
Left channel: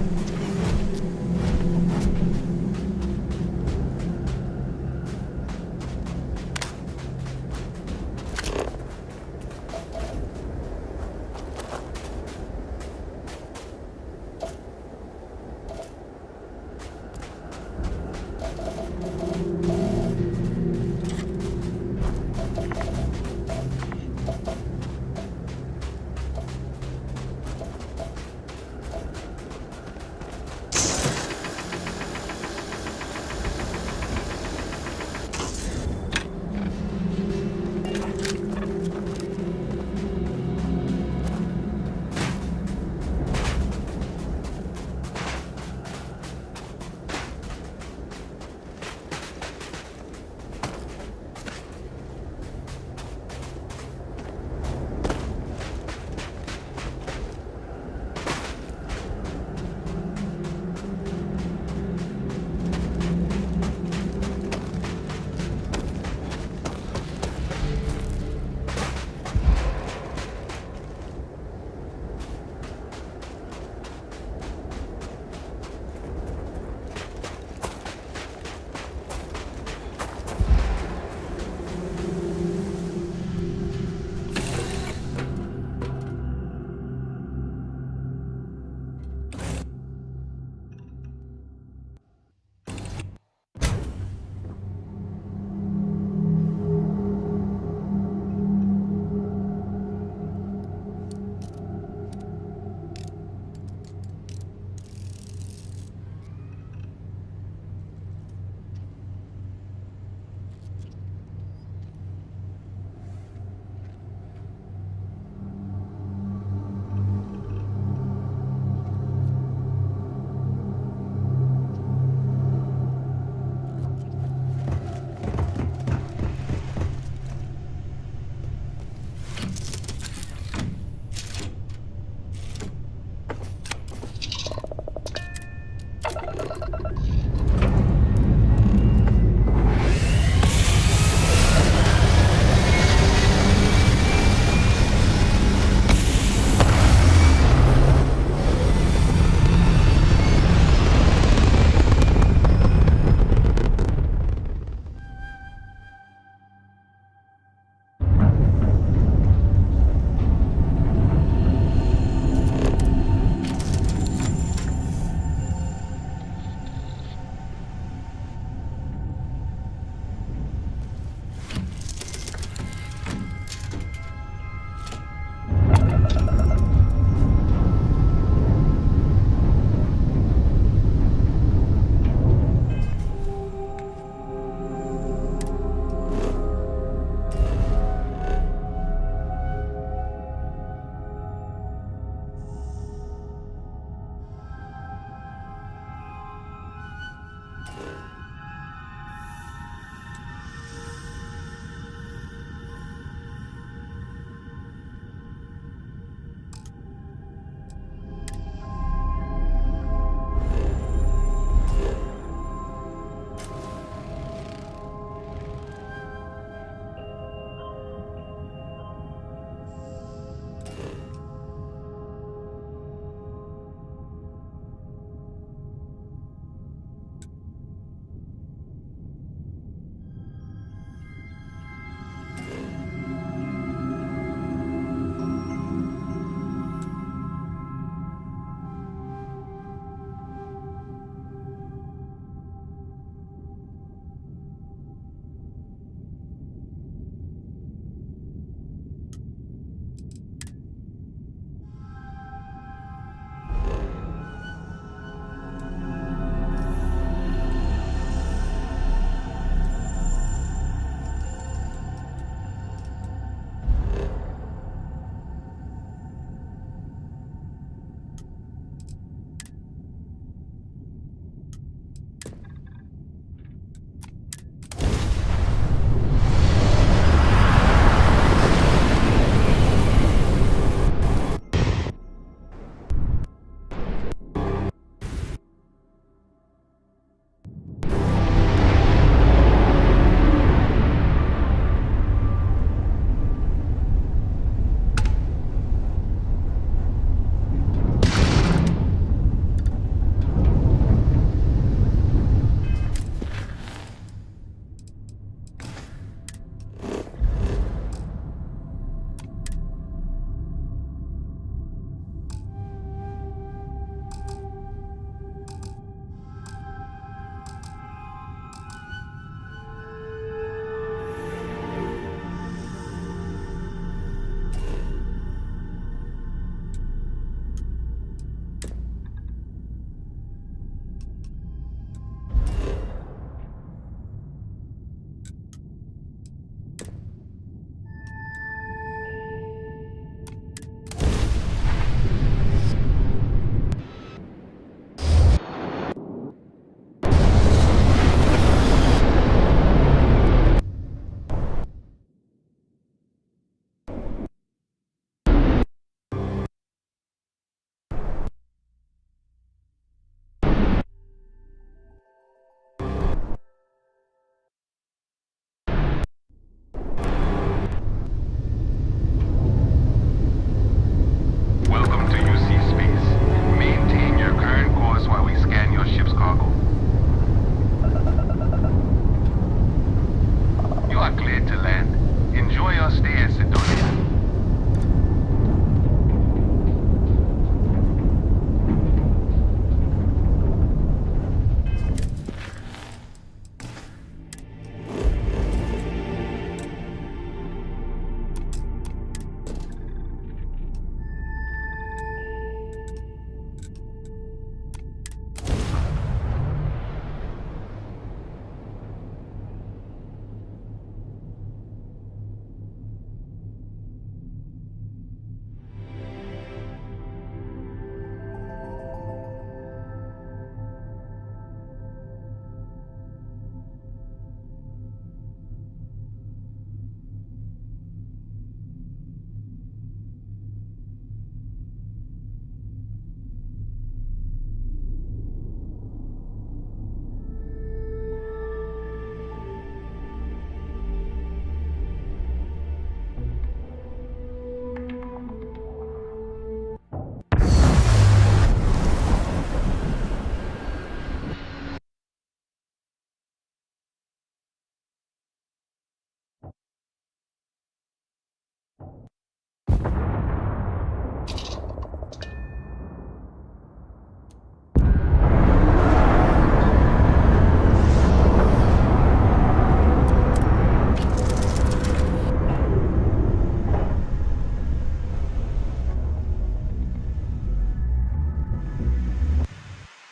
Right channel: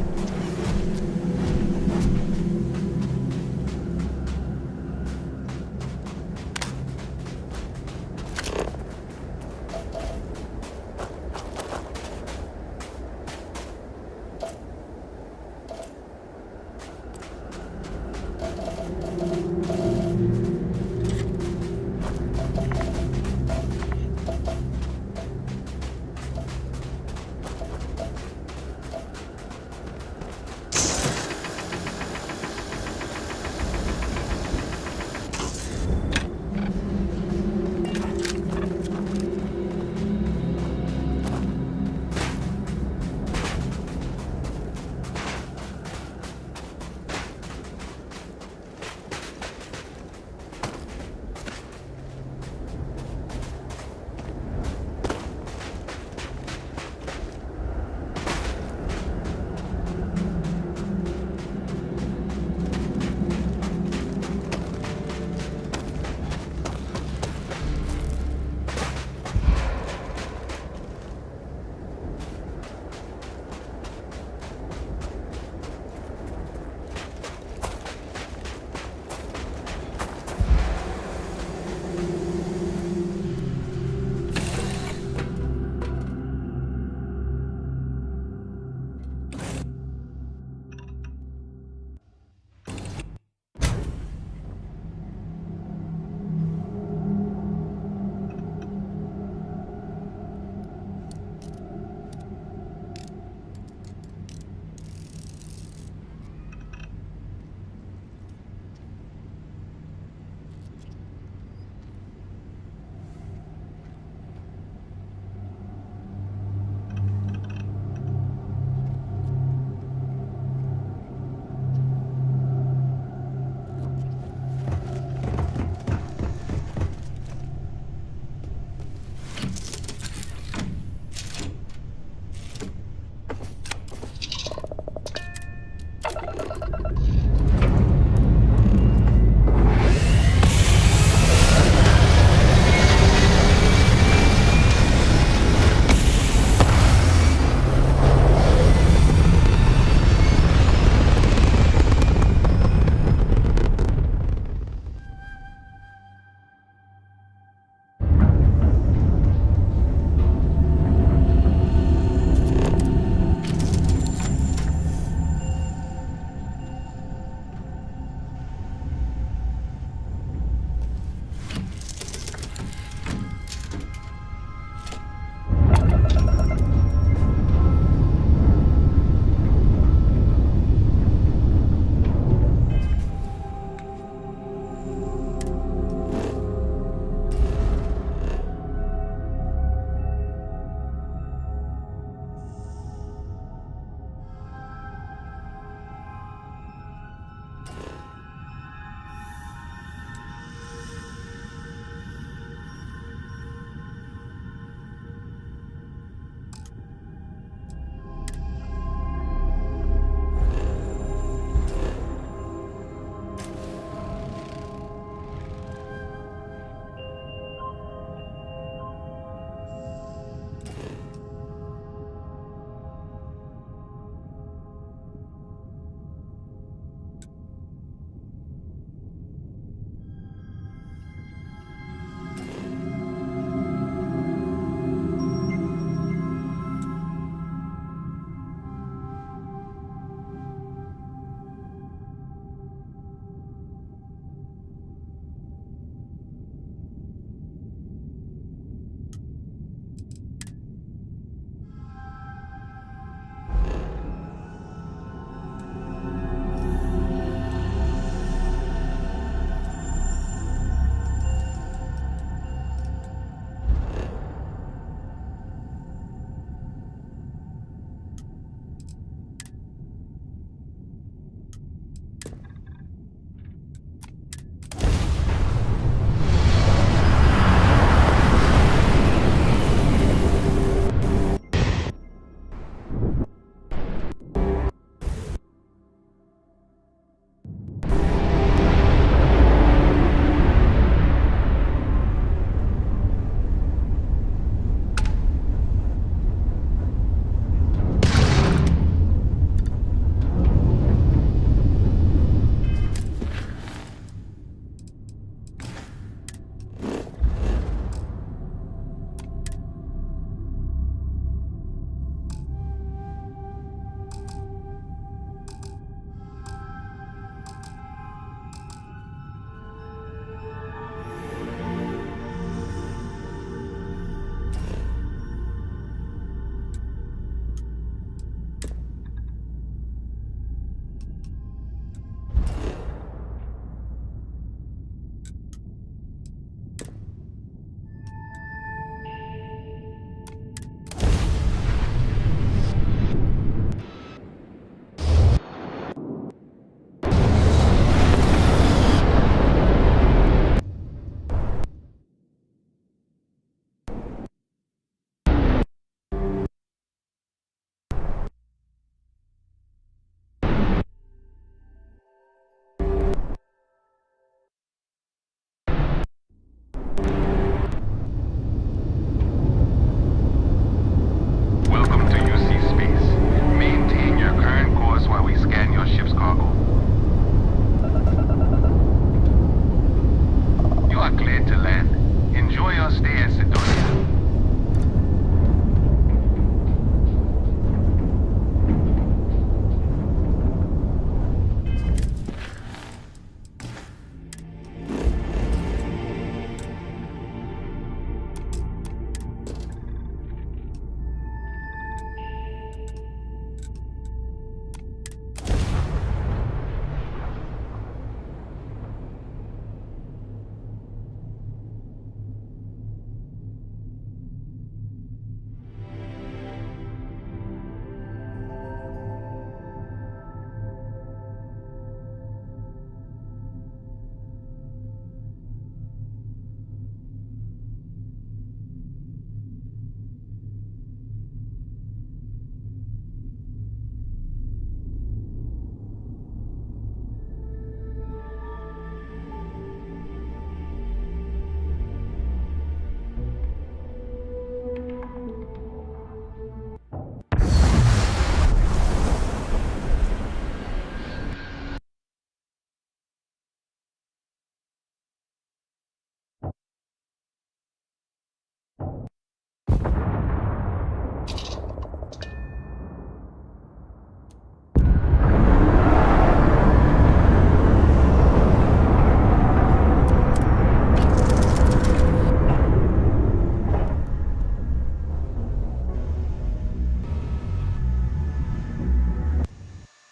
cargo.